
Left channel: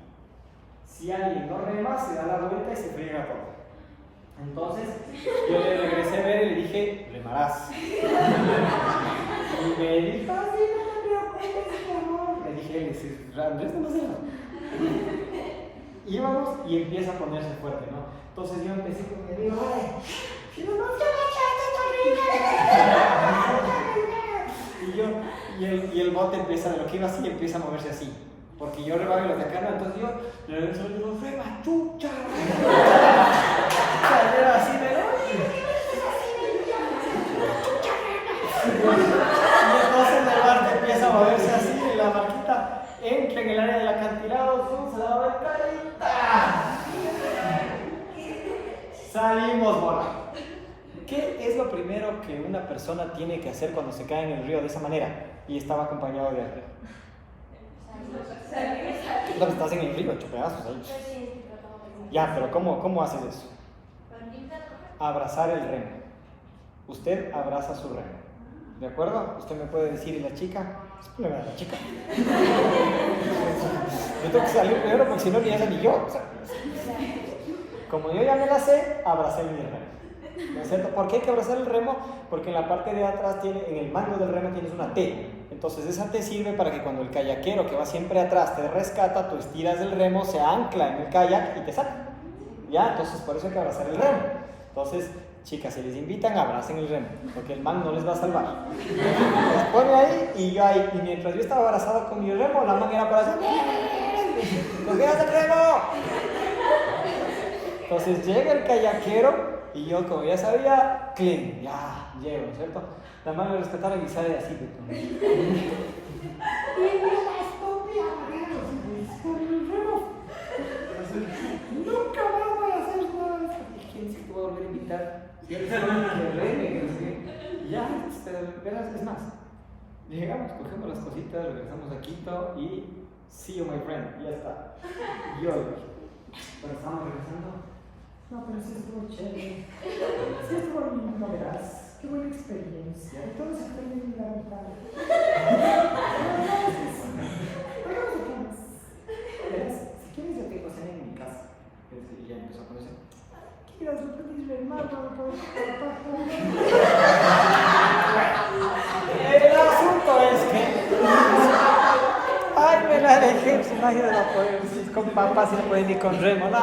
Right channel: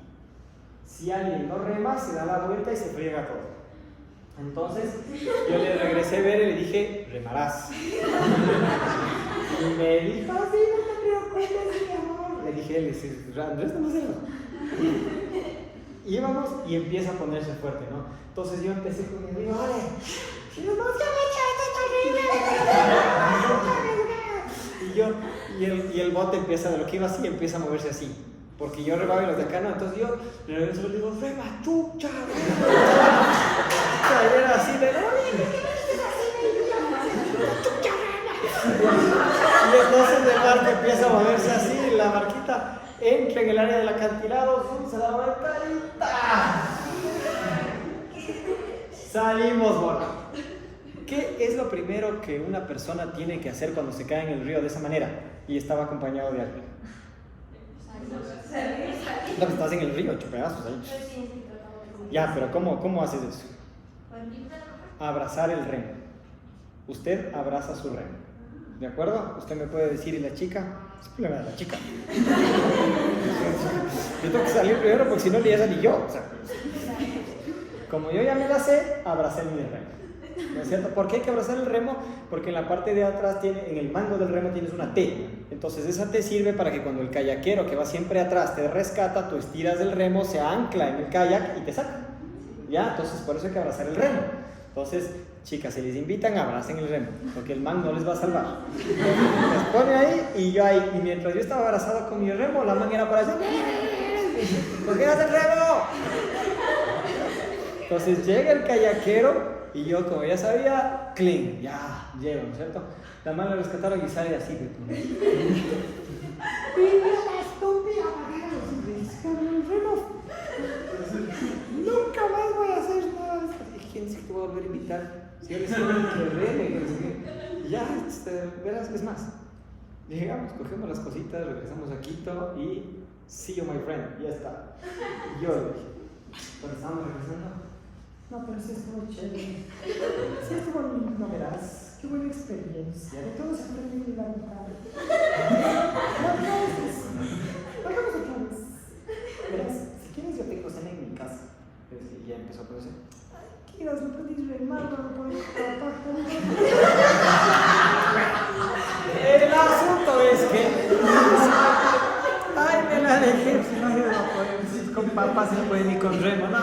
Si alguien no rema, se da la vuelta y se friega todo. Entonces yo le regresé a ver y le dije, remarás. Y me dijo, sí, no te preocupes, mi amor. Le dije, Andrés, no sé. Íbamos y empieza a ponerse fuerte, ¿no? Entonces yo empecé con el río, ¡ay! Y el bote empieza, de lo que iba así, empieza a moverse así. Porque yo remaba y los de acá no, entonces yo le regreso y digo, ¡rema, chucha! Y era así de, y entonces el barco empieza a moverse así, y la barquita entra en el área del acantilado, se da la vuelta y ¡ta! Salimos volando. ¿Qué es lo primero que una persona tiene que hacer cuando se cae en el río de esa manera y estaba acompañado de alguien? No, estás en el río, hecho pedazos ahí. Ya, pero ¿cómo haces eso? Abrazar el remo. Usted abraza su remo. ¿De acuerdo? Usted me puede decir, ¿y la chica? Es problema de la chica. Yo tengo que salir primero porque si no, ni ella ni yo. O sea, como yo ya me la sé, abracé mi remo. ¿No es cierto? ¿Por qué hay que abrazar el remo? Porque en la parte de atrás, en el mango del remo tienes una T. Entonces esa T sirve para que cuando el kayakero que va siempre atrás te rescata, tú estiras el remo, se ancla en el kayak y te saca. ¿Ya? Entonces por eso hay que abrazar el remo. Entonces, chicas, si les invitan, abracen el remo, porque el man no les va a salvar. Les pone ahí y yo ahí. Y mientras yo estaba abrazado con mi remo, la man era para allá. ¿Por qué haces el remo? Entonces llega el kayakero y yo, como ya sabía, clean, ya, llego, ¿no es cierto? La mano le rescataron y sale así de tu. Nunca más voy a hacer nada. ¿Quién sí te voy a volver a invitar? Si eres que reme, que no sé qué. Ya, verás, es más. Llegamos, cogemos las cositas, regresamos a Quito y see you, my friend, ya está. Yo le dije, pero estamos regresando. No, pero sí estuvo chévere. Sí estuvo lindo, no verás. Qué buena experiencia. Todos aprenden en la mitad. Hagamos otra vez. Verás, si quieres yo te cocino en mi casa. Y ya empezó a ponerse. Ay, quieras, no puedes ver mal, no puedes el asunto es que. Ay, me la dejé. Si no, yo no puedo. Si es con papas, no puede ni con remo. No.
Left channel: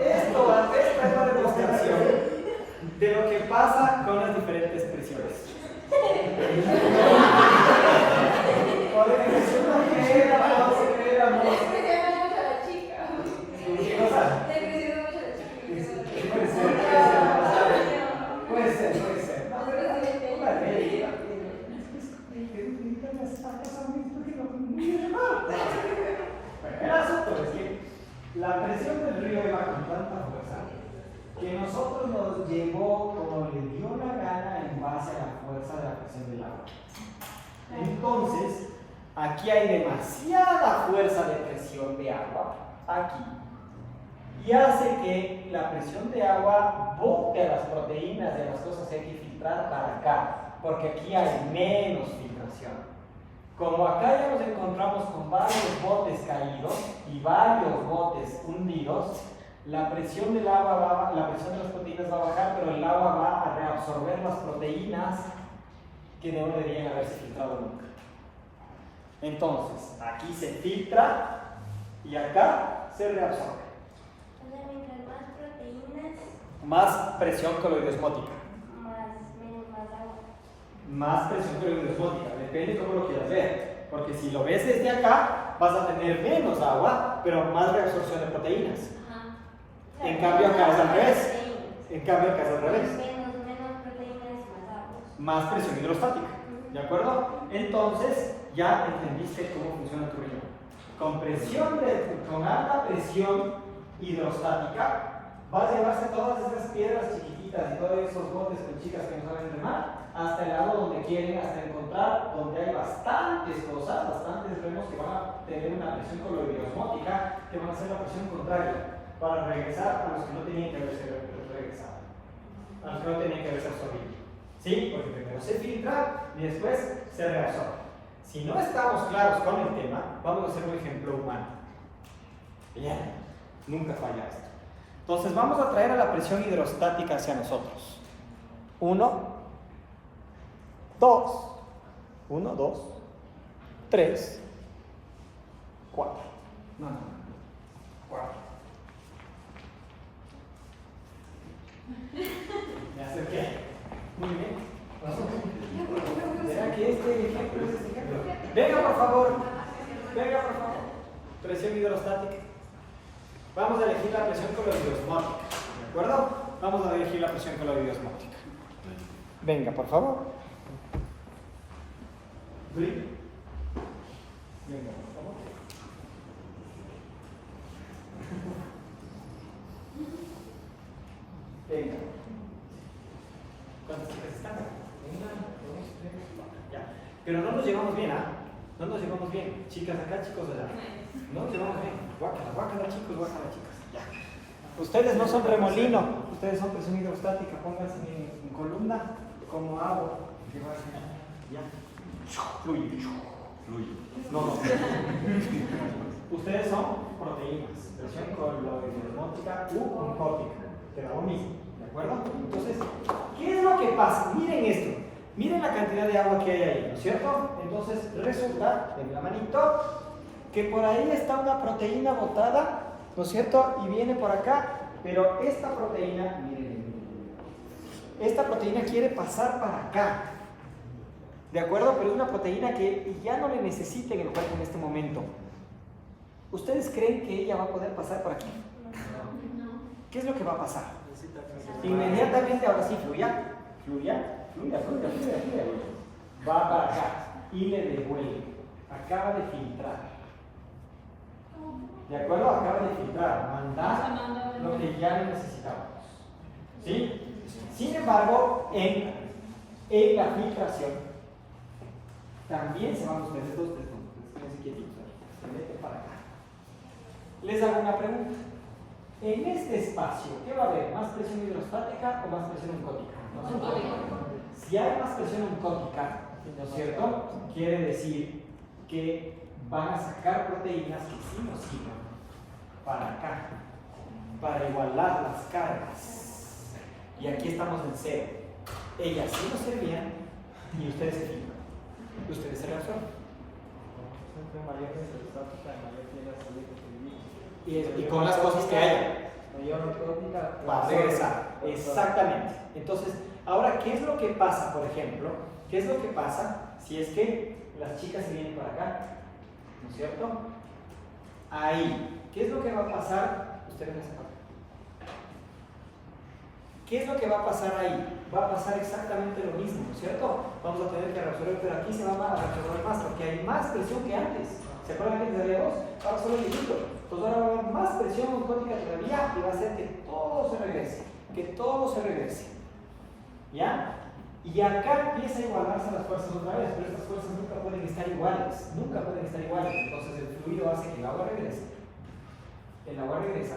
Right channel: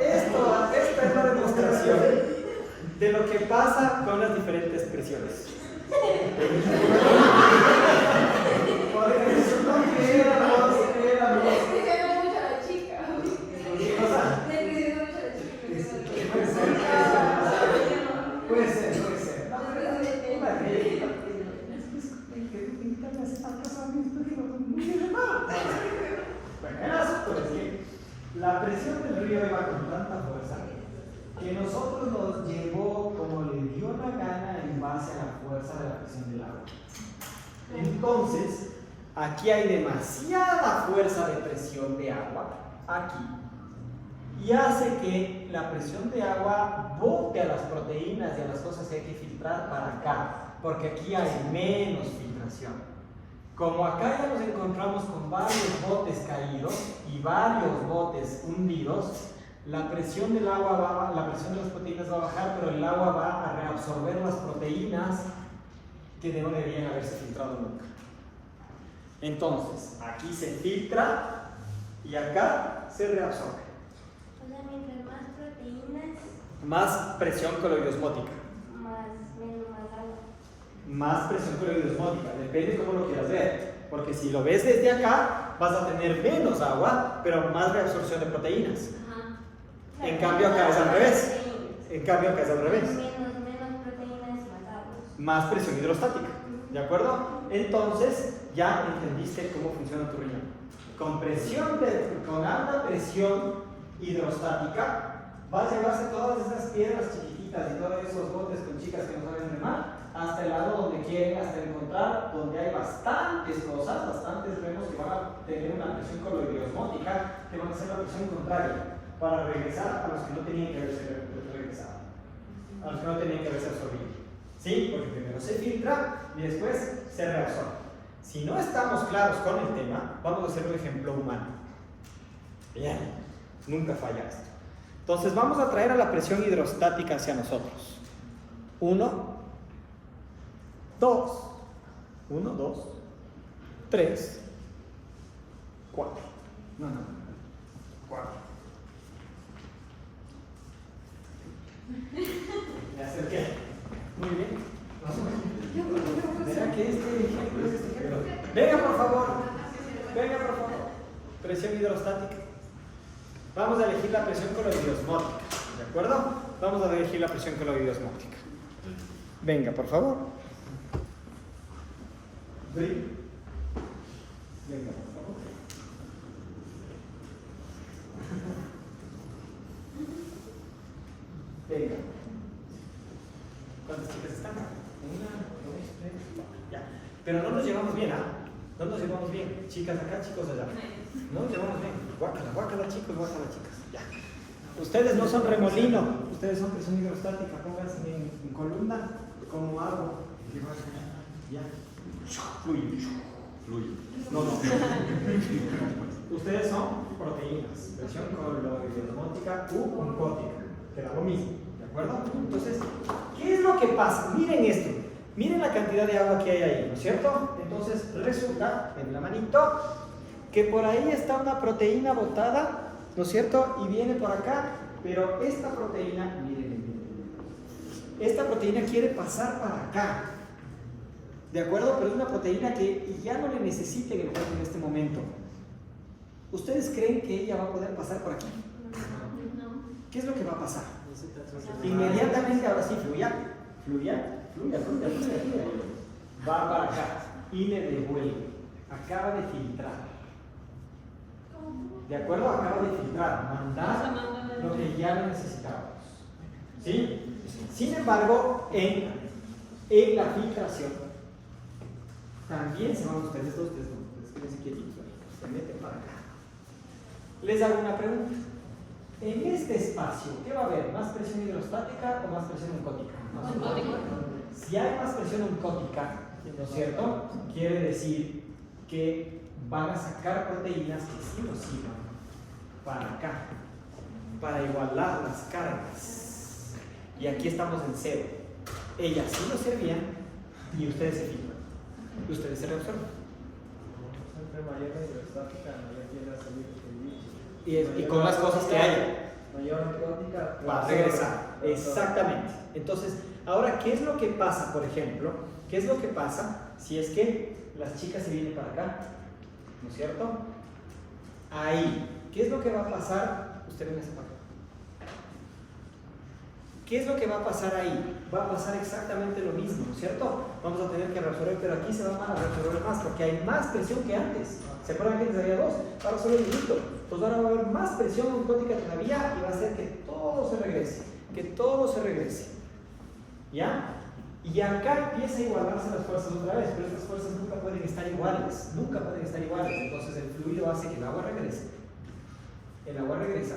Esta es la demostración de lo que pasa con las diferentes presiones. Porque resulta que éramos. ¿Qué cosa? Puede ser. El asunto es que la presión del río iba con tanta fuerza que nosotros nos llevó como le dio la gana en base a la fuerza de la presión del agua. Entonces, aquí hay demasiada fuerza de presión de agua, aquí, y hace que la presión de agua bote a las proteínas y a las cosas que hay que filtrar para acá, porque aquí hay menos filtración. Como acá ya nos encontramos con varios botes caídos y varios botes hundidos, la presión del agua la presión de las proteínas va a bajar, pero el agua va a reabsorber las proteínas que no deberían haberse filtrado nunca. Entonces, aquí se filtra y acá se reabsorbe. Más presión coloidosmótica. Más presión coloidosmótica, depende cómo lo quieras ver, porque si lo ves desde acá vas a tener menos agua, pero más reabsorción de proteínas. En cambio acá es al revés. Menos proteínas y más agua. Más presión hidrostática, ¿de acuerdo? Entonces ya entendiste cómo funciona tu riñón. Con alta presión hidrostática va a llevarse todas esas piedras chiquititas y todos esos botes con chicas que no saben remar hasta el lado donde quieren, hasta encontrar donde hay bastantes cosas, bastantes remos que van a tener una presión coloidosmótica, que van a hacer la presión contraria, para regresar a los que no tenían que haberse regresado, a los que no tenían que haberse absorbido. ¿Sí? Porque primero se filtra y después se reabsorbe. Si no estamos claros con el tema, vamos a hacer un ejemplo humano. Bien, nunca falla esto. Entonces vamos a traer a la presión hidrostática hacia nosotros. 1, 2, 1, 2, 3, 4. No, 4. Me acerqué. Muy bien. ¿Será que este ejemplo es este ejemplo? Venga, por favor. Venga, por favor. Presión hidrostática. Vamos a elegir la presión coloidosmótica. ¿De acuerdo? Vamos a elegir la presión coloidosmótica. Venga, por favor. Venga, por favor. Venga. ¿Cuántas chicas están? 1, 2, 3, 4. Ya. Pero no nos llevamos bien, ¿ah? No nos llevamos bien. Chicas acá, chicos allá. No nos llevamos bien. Guácala, guácala, chicos, guácala, chicas. Ya. Ustedes no son remolino, ustedes son presión hidrostática. Pónganse en columna como hago. Ya. Fluye. Fluye. No, no. Ustedes son proteínas. Presión coloidosmótica u oncótica. Te da lo mismo. ¿De acuerdo? Entonces, ¿qué es lo que pasa? Miren esto. Miren la cantidad de agua que hay ahí, ¿no es cierto? Entonces, resulta, en la manito, que por ahí está una proteína botada, ¿no es cierto? Y viene por acá, pero esta proteína, miren, esta proteína quiere pasar para acá. ¿De acuerdo? Pero es una proteína que ya no le necesita en el cuerpo en este momento. ¿Ustedes creen que ella va a poder pasar por aquí? ¿Qué es lo que va a pasar? Inmediatamente, ahora sí, fluya. Va para acá y le devuelve. Acaba de filtrar. ¿De acuerdo? Acaba de filtrar, mandar lo que ya necesitamos. ¿Sí? Sin embargo, en la filtración, también se van ustedes dos, quédense quietitos, se meten para acá. Les hago una pregunta. En este espacio, ¿qué va a haber? ¿Más presión hidrostática o más presión oncótica? Si hay más presión oncótica, ¿no es cierto? Quiere decir que van a sacar proteínas que sí nos sirvan para acá, para igualar las cargas. Y aquí estamos en cero. Ellas sí nos servían y ustedes se filtran. Ustedes se reabsorben. Entre mayor hidrostática, mayor tiene la salud que Y con las cosas que hay. mayor oncótica Va a regresar. Exactamente. Entonces, ahora, ¿qué es lo que pasa, por ejemplo? ¿Qué es lo que pasa si es que las chicas se vienen para acá? ¿No es cierto? Ahí. ¿Qué es lo que va a pasar? Ustedes me separan. ¿Qué es lo que va a pasar ahí? Va a pasar exactamente lo mismo, ¿no es cierto? Vamos a tener que reabsorber, pero aquí se va a reabsorber más porque hay más presión que antes. ¿Se acuerdan que antes había 2? Ahora solo hay 1. Pues ahora va a haber más presión oncótica todavía y va a hacer que todo se regrese. Que todo se regrese. ¿Ya? Y acá empieza a igualarse las fuerzas otra vez, pero estas fuerzas nunca pueden estar iguales. Nunca pueden estar iguales. Entonces el fluido hace que el agua regrese. El agua regresa.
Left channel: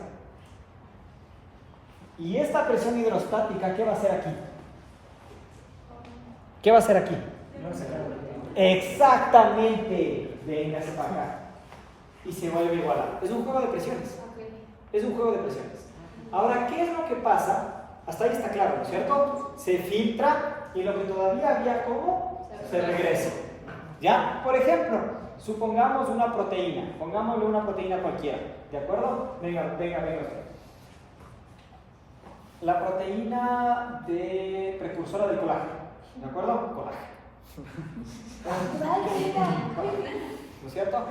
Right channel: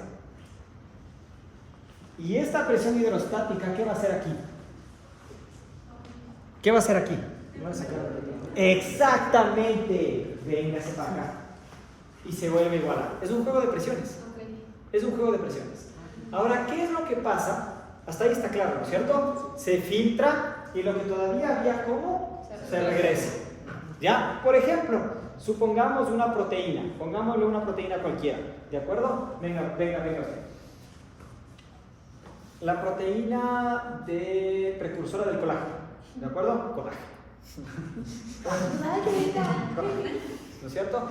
Y esta presión hidrostática, ¿qué va a hacer aquí? ¿Qué va a hacer aquí? Exactamente. Véngase para acá. Y se vuelve a igualar. Es un juego de presiones. Es un juego de presiones. Ahora, ¿qué es lo que pasa? Hasta ahí está claro, ¿no es cierto? Se filtra y lo que todavía había, ¿cómo? Se regresa. ¿Ya? Por ejemplo, supongamos una proteína. Pongámosle una proteína cualquiera. ¿De acuerdo? Venga usted. La proteína de precursora del colágeno. ¿De acuerdo? Colágeno. ¿No es cierto?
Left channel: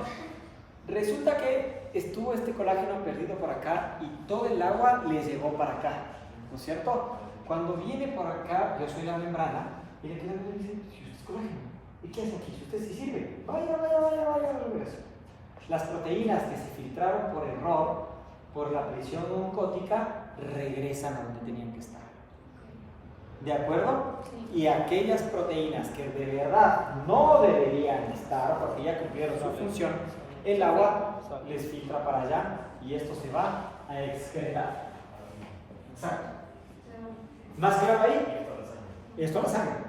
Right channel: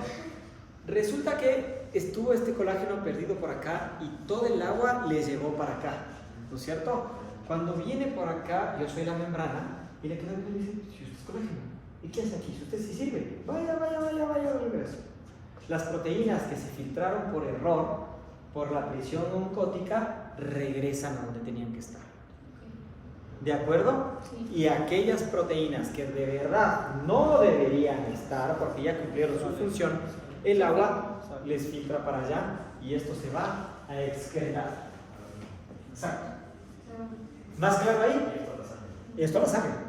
Resulta que estuvo este colágeno perdido por acá y todo el agua le llegó para acá. ¿No es cierto? Cuando viene por acá, yo soy la membrana y le queda viendo y dice, si usted es colágeno, ¿y qué hace aquí? Si usted sí sirve, vaya, regreso. Las proteínas que se filtraron por error, por la presión oncótica, regresan a donde tenían que estar. ¿De acuerdo? Sí. Y aquellas proteínas que de verdad no deberían estar porque ya cumplieron su función, el agua les filtra para allá y esto se va a excretar. Exacto. ¿Más claro ahí? Esto es la sangre.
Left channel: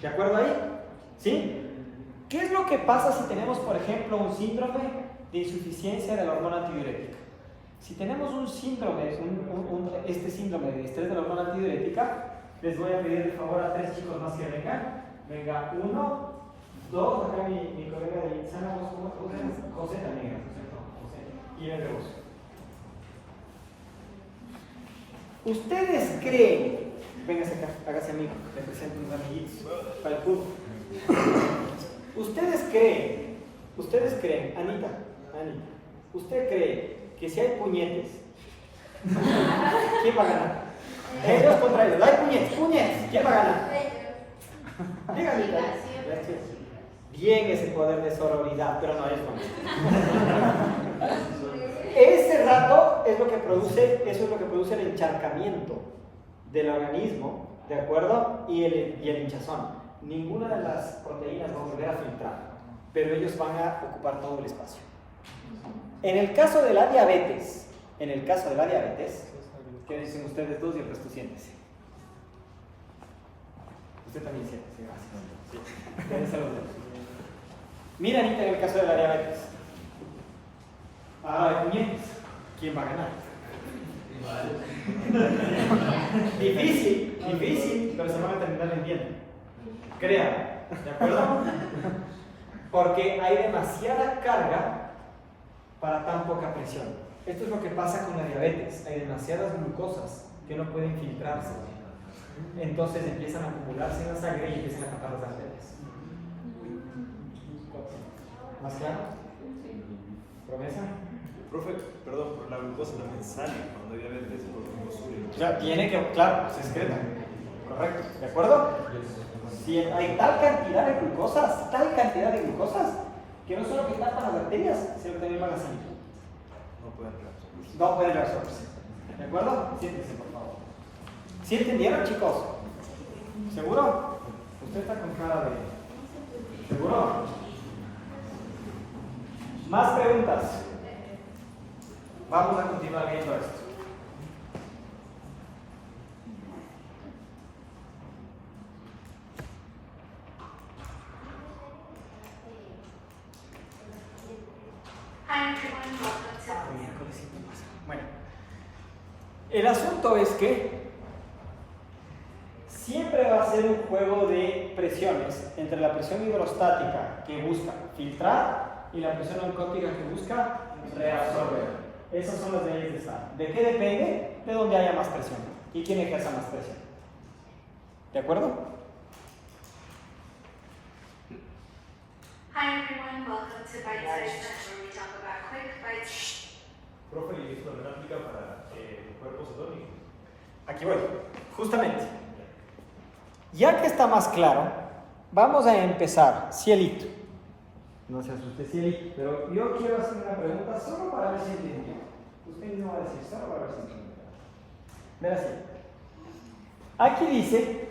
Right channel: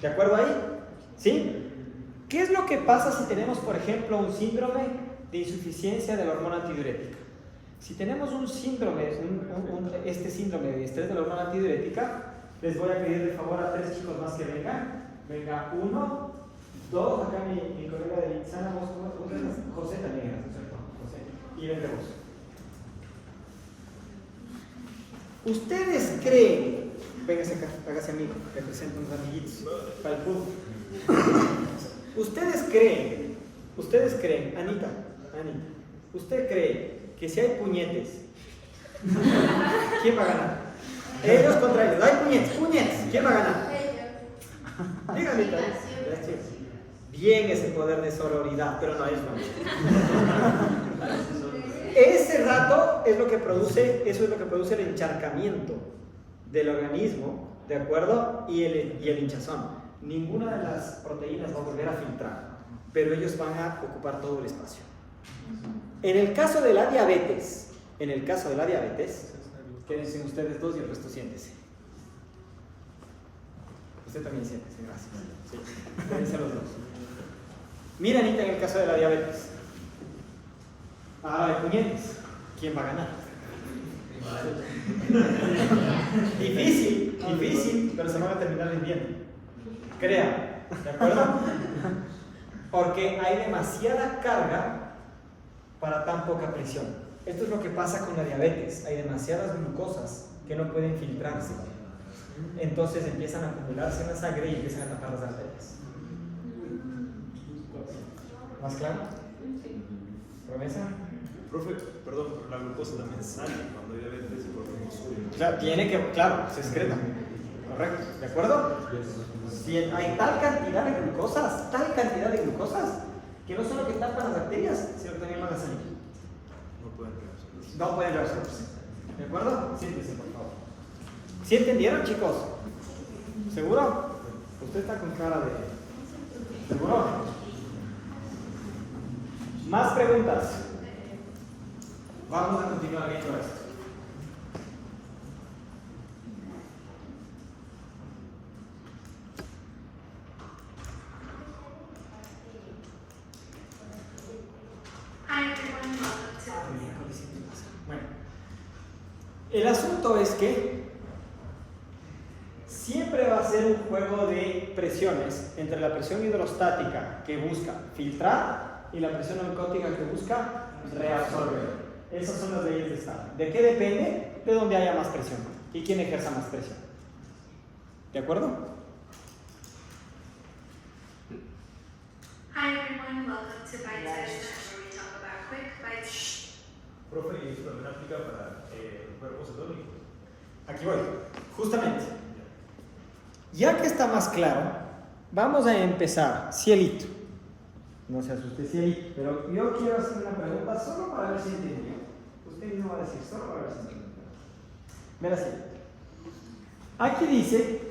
¿De acuerdo ahí? ¿Sí? ¿Qué es lo que pasa si tenemos, por ejemplo, un síndrome de insuficiencia de la hormona antidiurética? Si tenemos un síndrome, este síndrome de estrés de la hormona antidiurética, les voy a pedir de favor a 3 chicos más que vengan. Venga, 1, 2, acá mi colega de Insana, vos eres José también, ¿no es cierto? José. Y venga vos. ¿Ustedes creen? Véngase acá, hágase amigo, le presento unos amiguitos para el fútbol. ¿Ustedes creen, Anita, ¿usted cree que si hay puñetes, quién va a ganar? Ellos contra ellos, hay puñetes, ¿quién va a ganar? Diga, Anita. Bien ese poder de sororidad, pero no, ellos van. Ese rato es lo que produce, eso es lo que produce el encharcamiento del organismo, ¿de acuerdo? Y el hinchazón. Ninguna de las proteínas va a volver a filtrar, pero ellos van a ocupar todo el espacio. En el caso de la diabetes, quédense ustedes dos y el resto siéntese. Usted también siéntese, gracias. Sí. Quédense los dos. Mira, Anita, en el caso de la diabetes. Ahora hay puñetes. ¿Quién va a ganar? Difícil, pero se van a terminar vendiendo. Créanme, ¿de acuerdo? Porque hay demasiada carga para tan poca presión. Esto es lo que pasa con la diabetes. Hay demasiadas glucosas que no pueden filtrarse. Entonces empiezan a acumularse en la sangre y empiezan a tapar las arterias. ¿Más claro? ¿Promesa? Profe, perdón, pero la glucosa también sale cuando hay diabetes por glucosuria. O sea, tiene que, claro, se excreta. Correcto, ¿de acuerdo? Si hay tal cantidad de glucosas, que no solo que tapan las arterias, sino que también van a salir. No pueden reabsorberse. ¿De acuerdo? Siéntense, por favor. ¿Sí entendieron, chicos? ¿Seguro? Usted está con cara de... ¿Seguro? ¿Más preguntas? Vamos a continuar viendo esto. Hi everyone, welcome to Bueno, el asunto es que siempre va a ser un juego de presiones entre la presión hidrostática que busca filtrar y la presión oncótica que busca reabsorber. Esas son las leyes de Estado. ¿De qué depende? De dónde haya más presión y quién ejerza más presión. ¿De acuerdo? Hi everyone, welcome to Bite Size, where we talk about quick bites. Profe, ¿y esto también aplica para los cuerpos cetónicos? Aquí voy, justamente. Ya que está más claro, vamos a empezar. Cielito. No se asuste, Cielito, pero yo quiero hacer una pregunta solo para ver si entendió. Usted mismo va a decir solo para ver si entendió. Verá, Cielito. Aquí dice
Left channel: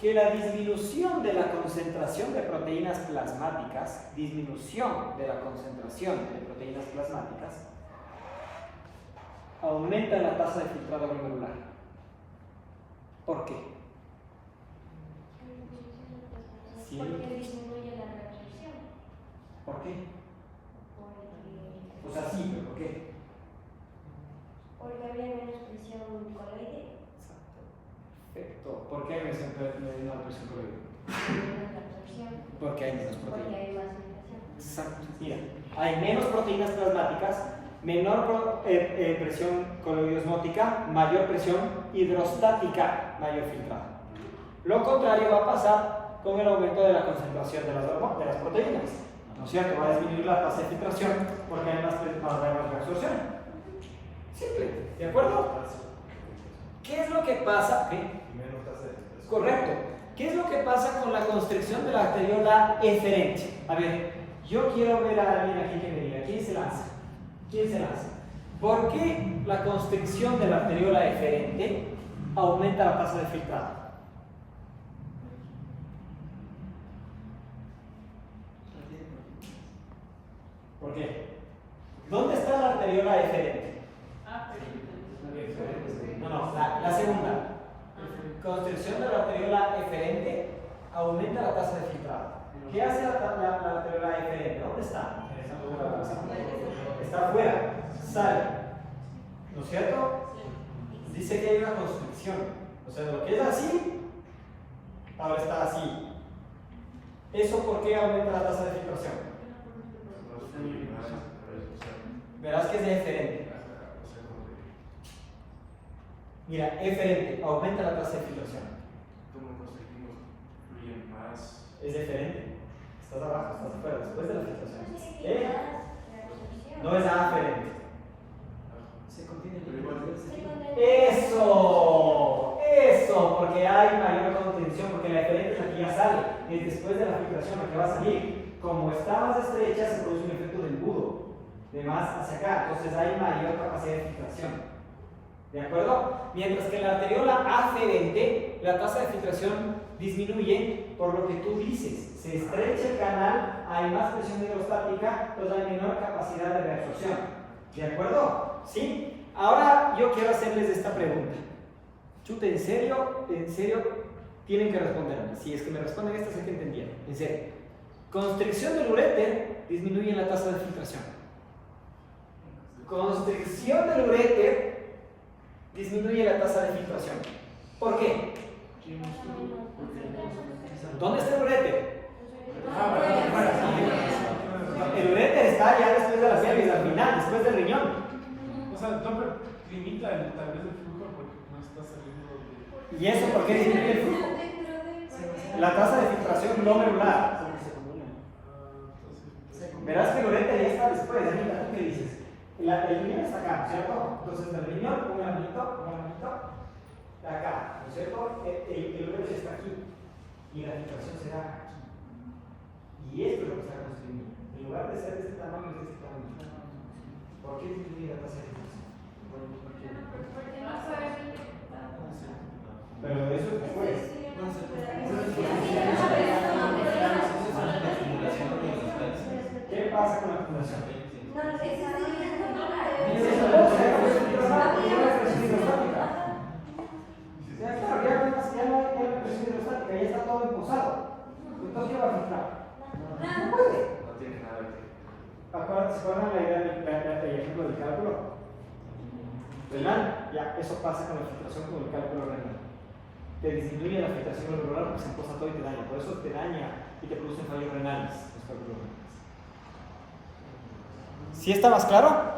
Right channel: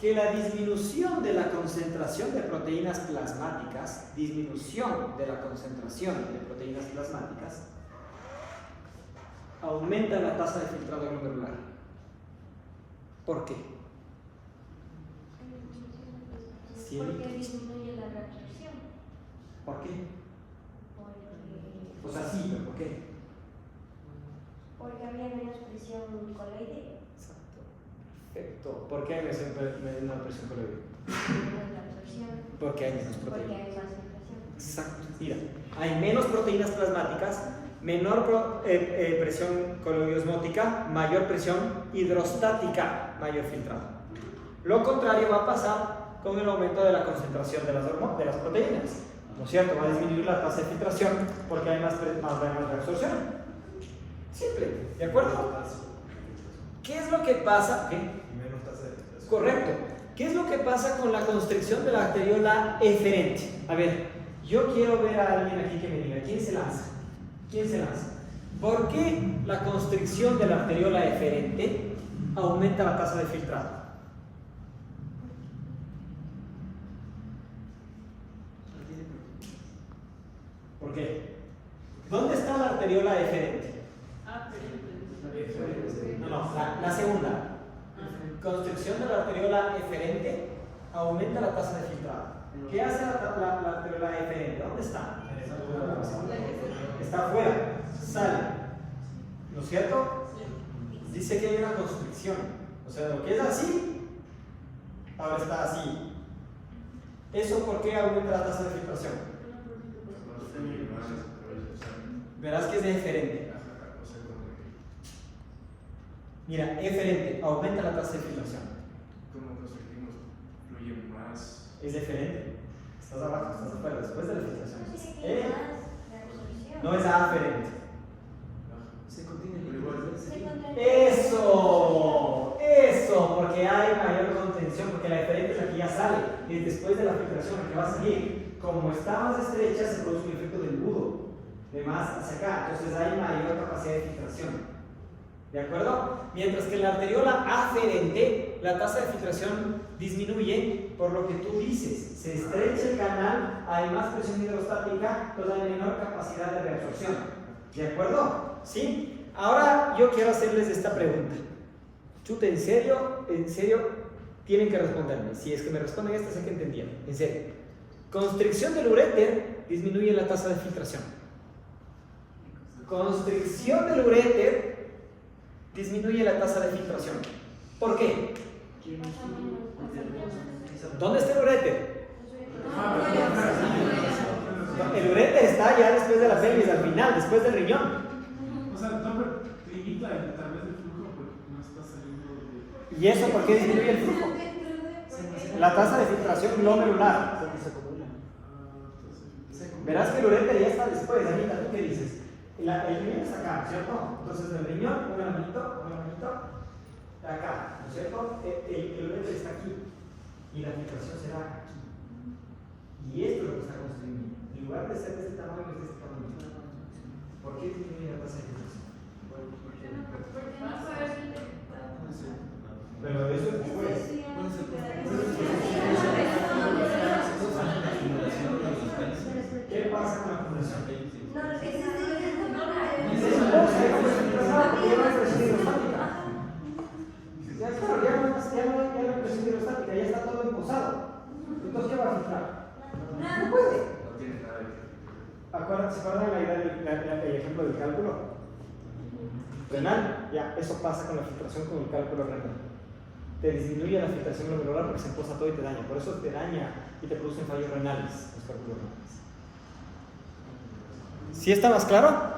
que la disminución de la concentración de proteínas plasmáticas, aumenta la tasa de filtrado glomerular. ¿Por qué? Porque disminuye la reabsorción. ¿Por qué? Porque, O sea, sí, pero ¿por qué? porque habría menos presión coloide. Exacto. Perfecto. ¿Por qué hay menor presión coloide? Menos reabsorción. Porque hay menos Porque proteínas. hay más filtración. Exacto. Mira, hay menos proteínas plasmáticas, menor presión coloidosmótica, mayor presión hidrostática, mayor filtrado. Lo contrario va a pasar con el aumento de la concentración de las proteínas. ¿No es cierto? Va a disminuir la tasa de filtración porque hay más reabsorción. Simple, ¿de acuerdo? ¿Qué es lo que pasa? ¿Qué? Menos tasa de filtración. Correcto. ¿Qué es lo que pasa con la constricción de la arteriola eferente? A ver, yo quiero ver a alguien aquí que me diga, ¿quién se lanza? ¿Quién se lanza? ¿Por qué la constricción de la arteriola eferente aumenta la tasa de filtrado? ¿Por qué? ¿Dónde está la arteriola eferente? No, la segunda. Constricción de la arteriola eferente aumenta la tasa de filtrado. ¿Qué hace la arteriola eferente? ¿Dónde está? Está afuera, sale. ¿No es cierto? Dice que hay una constricción. O sea, lo que es así, ahora está así. ¿Eso por qué aumenta la tasa de filtración? Verás que es eferente. Mira, eferente, aumenta la tasa de filtración. ¿Cómo conseguimos fluir más? Es deferente. Estás abajo, estás afuera, después de la filtración. No es aferente. Se contiene Pero igual, Eso, porque hay mayor contención, porque la eferente es la que ya sale, y después de la filtración, la que va a salir, como está más estrecha, se produce un efecto del embudo, de más hacia acá, entonces hay mayor capacidad de filtración. ¿De acuerdo? Mientras que en la arteriola aferente, la tasa de filtración disminuye por lo que tú dices, se estrecha el canal, hay más presión hidrostática, entonces hay menor capacidad de reabsorción. ¿De acuerdo? ¿Sí? Ahora yo quiero hacerles esta pregunta. Chuta, en serio, tienen que responderme. Si es que me responden esta, sé que entendieron. En serio. Constricción del uréter disminuye la tasa de filtración. Constricción del uréter disminuye la tasa de filtración. ¿Por qué? ¿Dónde está el uréter? El uréter está ya después de la pelvis, al final, después del riñón. O sea, no limita tal vez el flujo porque no está saliendo de... ¿Y eso por qué disminuye el flujo? La tasa de filtración glomerular. Verás que el uréter ya está después. Anita, ¿tú qué dices? El riñón está acá, ¿cierto? Entonces el riñón, un granito, acá, ¿no es cierto? El uréter está aquí y la filtración será aquí. Y esto es lo que está construyendo. En lugar de ser de este tamaño, es de este tamaño. ¿Por qué disminuye la tasa de filtración? Pero eso es después. ¿Qué pasa con la acumulación? Ya no hay presión hidrostática, ya está todo impulsado. Entonces, ¿qué va a filtrar? No puede. No tiene nada que ¿Se acuerdan la idea del ejemplo del cálculo renal? Ya, eso pasa con la filtración con el cálculo renal. Te disminuye la filtración glomerular porque se impulsa todo y te daña. Por eso te daña y te producen fallos renales los cálculos renales. ¿Sí está más claro?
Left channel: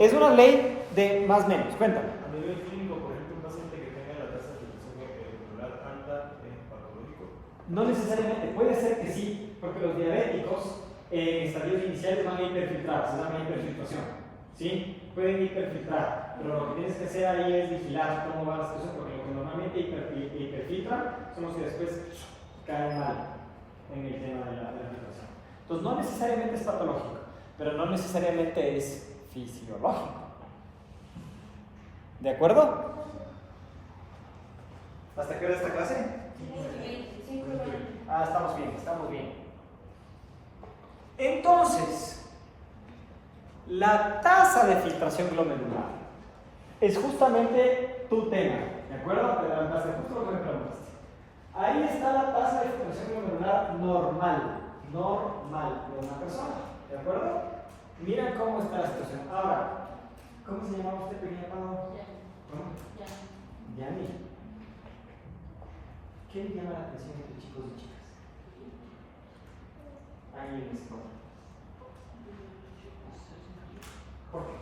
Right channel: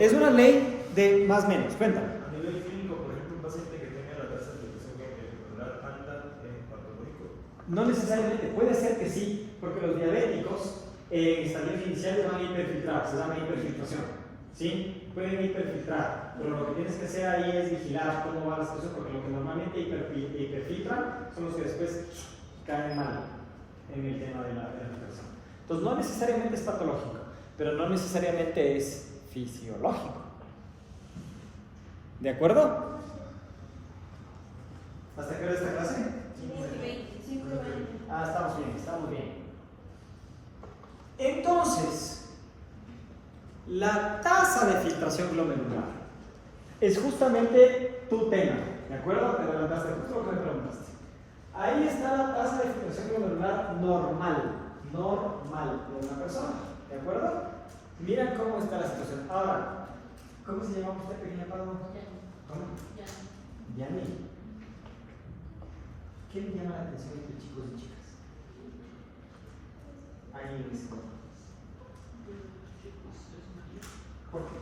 Es una ley de más o menos. Cuéntame. A nivel clínico, por ejemplo, un paciente que tenga la tasa de filtración glomerular alta es patológico. No necesariamente, puede ser que sí, porque los diabéticos en estadios iniciales van a hiperfiltrar, se llama hiperfiltración. ¿Sí? Pueden hiperfiltrar, pero lo que tienes que hacer ahí es vigilar cómo van las cosas, porque lo que normalmente hiperfiltran son los que después caen mal en el tema de la filtración. Entonces, no necesariamente es patológico, pero no necesariamente es fisiológico. ¿De acuerdo? ¿Hasta qué hora esta clase? Ah, estamos bien, estamos bien. Entonces, la tasa de filtración glomerular es justamente tu tema, ¿de acuerdo? Te levantaste justo lo que me preguntaste. Ahí está la tasa de filtración glomerular normal de una persona, ¿de acuerdo? Miren cómo está la situación. Ahora, ¿cómo se llama usted, pequeña Pablo? ¿Cómo? Yami. ¿Qué le llama la atención entre chicos y chicas? Ahí en ese momento. ¿Por qué?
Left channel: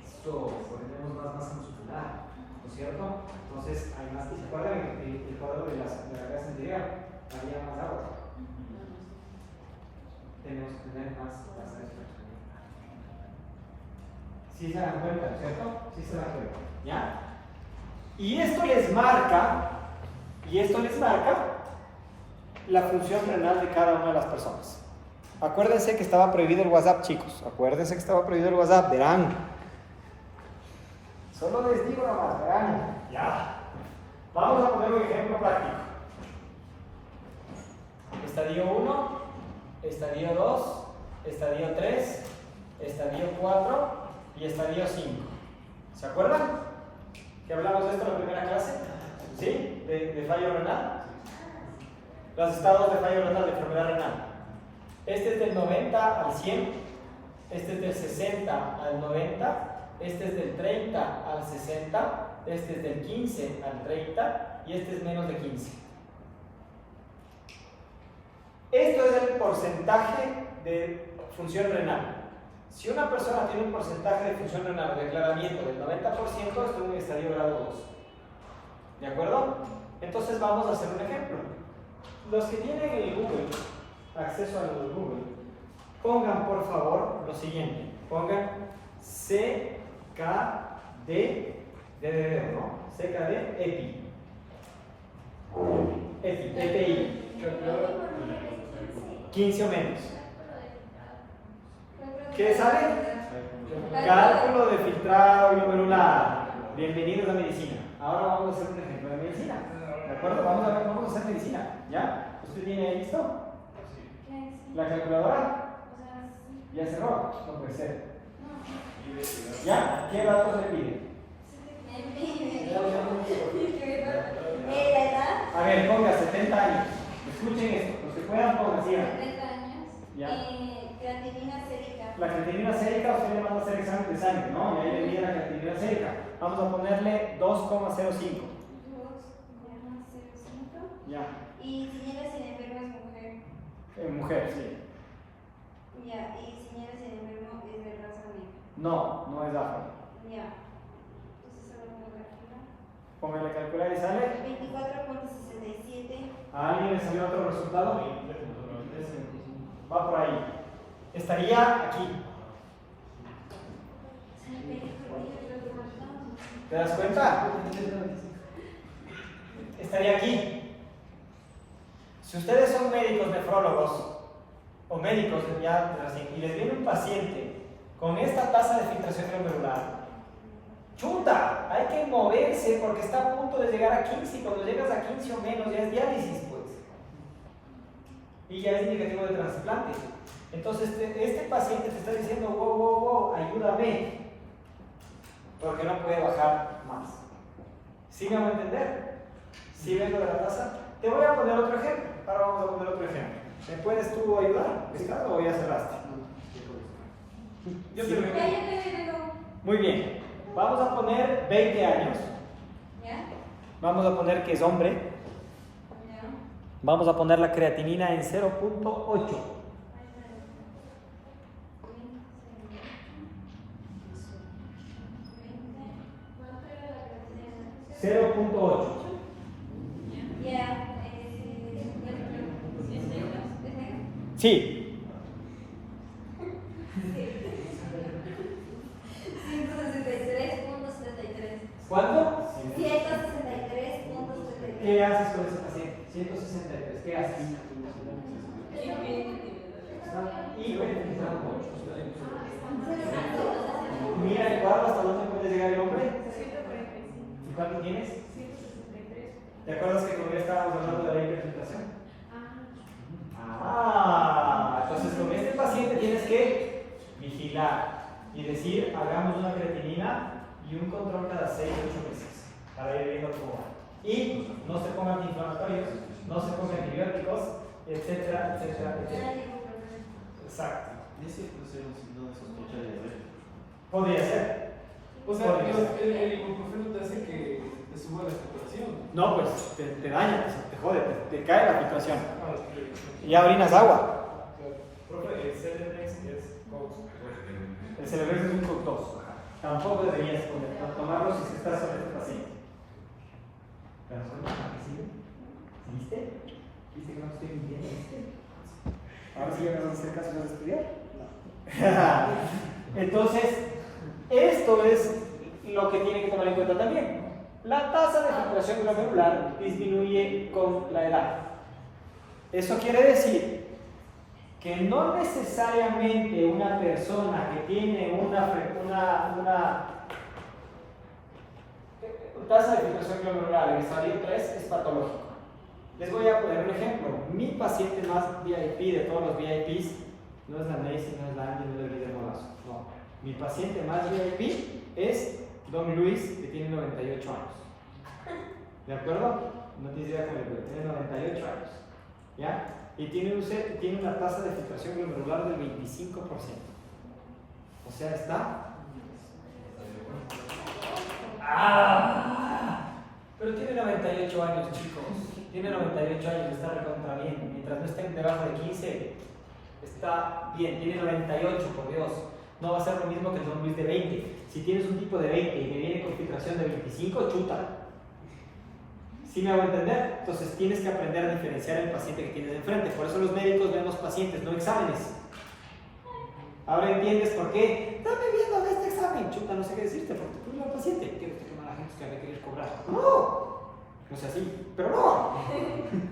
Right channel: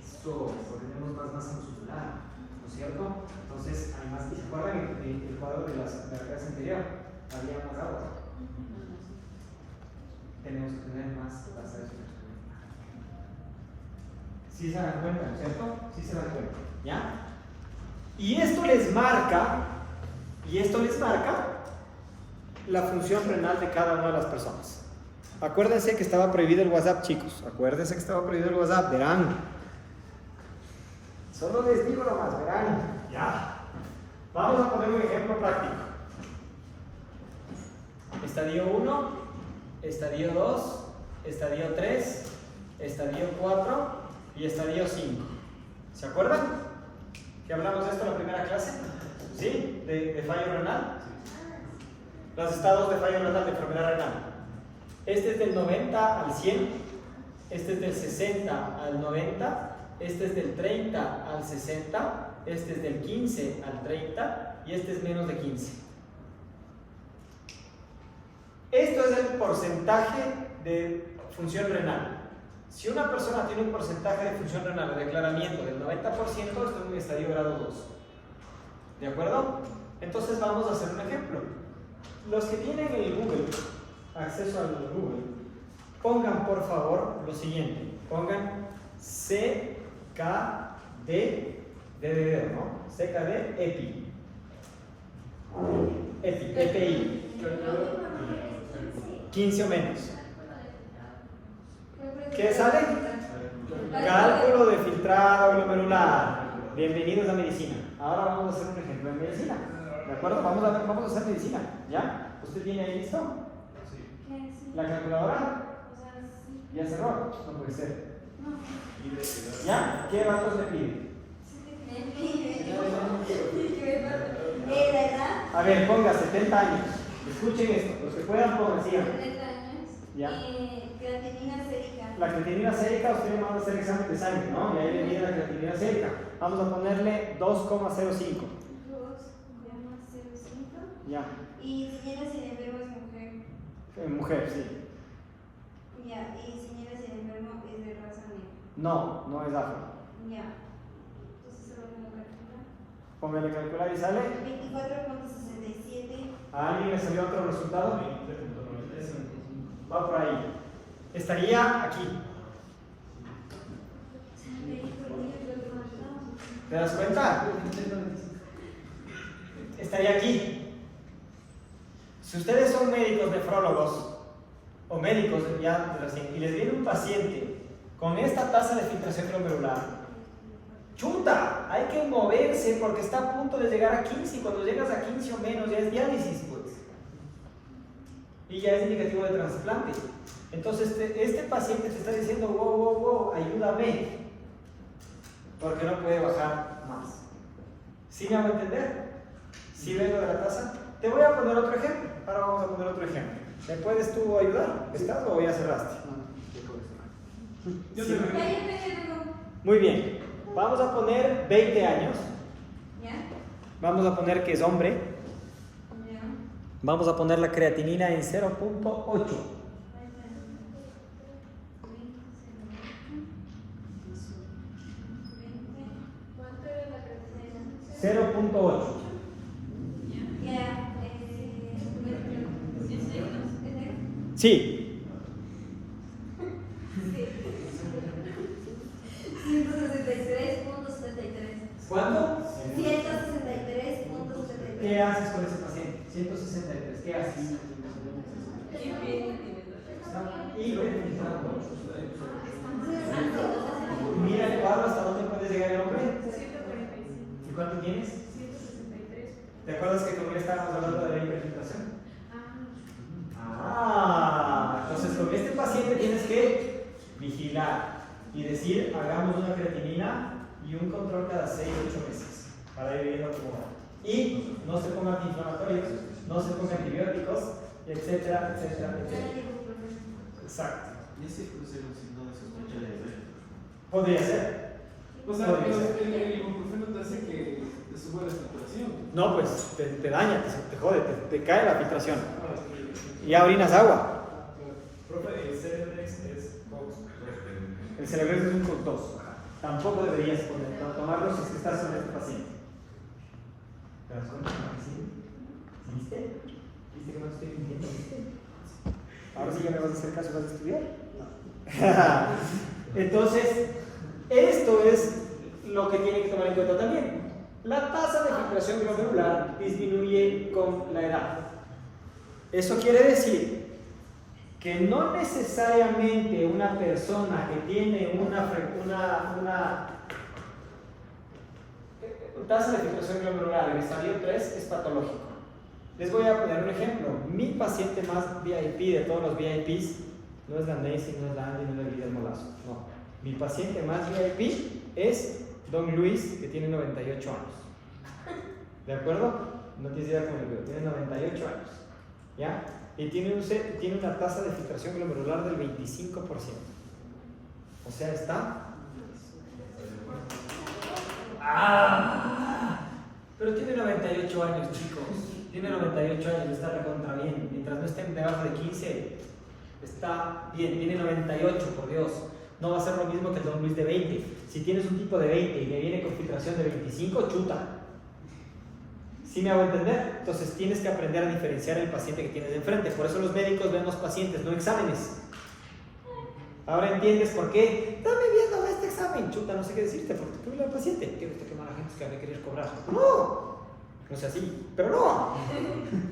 Esto, tenemos más masa muscular, ¿no es cierto? Entonces, hay más. ¿Se acuerdan el cuadro de la clase anterior? Había más agua. Tenemos que tener más tasa de filtración. ¿Sí se dan cuenta, ¿no es cierto? Sí se dan cuenta, ¿ya? Y esto les marca la función renal de cada una de las personas. Acuérdense que estaba prohibido el WhatsApp, chicos. Acuérdense que estaba prohibido el WhatsApp, verán. Solo les digo nomás, verán. Ya. Vamos a poner un ejemplo práctico. Estadio 1, estadio 2, estadio 3, estadio 4 y estadio 5. ¿Se acuerdan? ¿Que hablamos de esto en la primera clase? ¿Sí? ¿De fallo renal? Los estados de fallo renal, de enfermedad renal. Este es del 90 al 100, este es del 60 al 90, este es del 30 al 60, este es del 15 al 30 y este es menos de 15. Esto es el porcentaje de función renal. Si una persona tiene un porcentaje de función renal o declaramiento del 90%, está en un estadio grado 2. ¿De acuerdo? Entonces vamos a hacer un ejemplo. Los que tienen el Google, acceso al Google, pongan por favor lo siguiente. Pongan CKD de dedo, ¿no? CKD EPI. EPI. 15 o menos. ¿Qué saben? Cálculo de filtrado glomerular. Bienvenidos a medicina. Ahora vamos a hacer un ejemplo de medicina. ¿De acuerdo? Vamos a hacer medicina. ¿Ya? ¿Usted tiene ahí listo? ¿La calculadora? ¿Ya cerró? No puede ser. ¿Ya? ¿Qué datos le pide? ¿La edad? A ver, ponga 70 años. Escuchen esto. Los que puedan, pongan así. 70 años. Ya. Creatinina sérica. La creatinina sérica, usted le manda a hacer examen de sangre, ¿no? Y ahí le mide la creatinina sérica. Vamos a ponerle 2,05. 2,05. Ya. Y señora sin enfermo es mujer. Mujer, sí. Ya. Y señora sin enfermo es de raza negra. No, no es afro. Ya. Entonces ahora voy a calcular. Póngale calcular y sale. 24,67. ¿A alguien le salió otro resultado? Va por ahí. Estaría aquí. ¿Te das cuenta? Estaría aquí. Si ustedes son médicos nefrólogos o médicos ya recién y les viene un paciente con esta tasa de filtración glomerular, chuta, hay que moverse porque está a punto de llegar a 15 y cuando llegas a 15 o menos ya es diálisis, pues. Y ya es indicativo de trasplante. Entonces este paciente te está diciendo, wow, ayúdame, porque no puede bajar más. ¿Sí me hago entender? ¿Sí vengo de la tasa? Te voy a poner otro ejemplo. Ahora vamos a poner otro ejemplo. ¿Me puedes tú ayudar? ¿Estás o ya cerraste? Yo Sí. te Muy bien. Vamos a poner 20 años. ¿Ya? Vamos a poner que es hombre. ¿Ya? Vamos a poner la creatinina en 0.8. ¿Cuánto era la creatinina? 0.8. Ya. Sí. 163,73. ¿Cuánto? 163,73. ¿Qué haces con ese paciente? 163. ¿Qué haces? Hiperfiltrando. Mira el cuadro hasta dónde puede llegar el hombre. ¿Y cuánto tienes? 163. ¿Te acuerdas que con él estábamos hablando de la hiperfiltración? Entonces con este paciente tienes que vigilar y decir, hagamos una creatinina y un control cada 6 o 8 meses para ir viendo cómo va. Y no se pongan antiinflamatorios, no se pongan antibióticos, etcétera, etcétera, etcétera. Exacto. ¿Y ese puede ser un signo de sospecha de diabetes? Podría ser. O sea, Podría ser. el ibuprofeno te hace que te suba la saturación. No, pues te daña, te jode, te cae la filtración. No, es que- Y ya orinas agua. Profe, el Celebrex es Cox. El Celebrex es un fructoso. Tampoco deberías tomarlo si estás sobre este paciente. ¿Te das cuenta? ¿Sí? ¿Viste? ¿Viste que no estoy mintiendo? Ahora sí ya me vas a hacer caso y vas a estudiar. Entonces, esto es lo que tiene que tomar en cuenta también. La tasa de filtración glomerular disminuye con la edad. Eso quiere decir que no necesariamente una persona que tiene tasa de filtración glomerular en estadio 3 es patológico. Les voy a poner un ejemplo. Mi paciente más VIP de todos los VIPs no es la Nancy, no es la Andy, no es el Guillermo Lazo. No. Mi paciente más VIP es Don Luis, que tiene 98 años. ¿De acuerdo? No tienes idea cómo le veo. Tiene 98 años. ¿Ya? Y tiene una tasa de filtración glomerular del 25%. O sea, está... Pero tiene 98 años, chicos. Tiene 98 años, está recontra bien. Mientras no esté debajo de 15, está bien. Tiene 98, por Dios. No va a ser lo mismo que el Don Luis de 20. Si tienes un tipo de 20 y me viene con filtración de 25, chuta. ¿Sí me hago entender? Entonces tienes que aprender a diferenciar el paciente que tienes de enfrente. Por eso los médicos vemos pacientes, no exámenes. Ahora entiendes por qué. Dame viendo este examen. Chuta, no sé qué decirte, porque tú eres el paciente. ¿Quiere usted que mala gente que le querer cobrar? No sea así, pero no.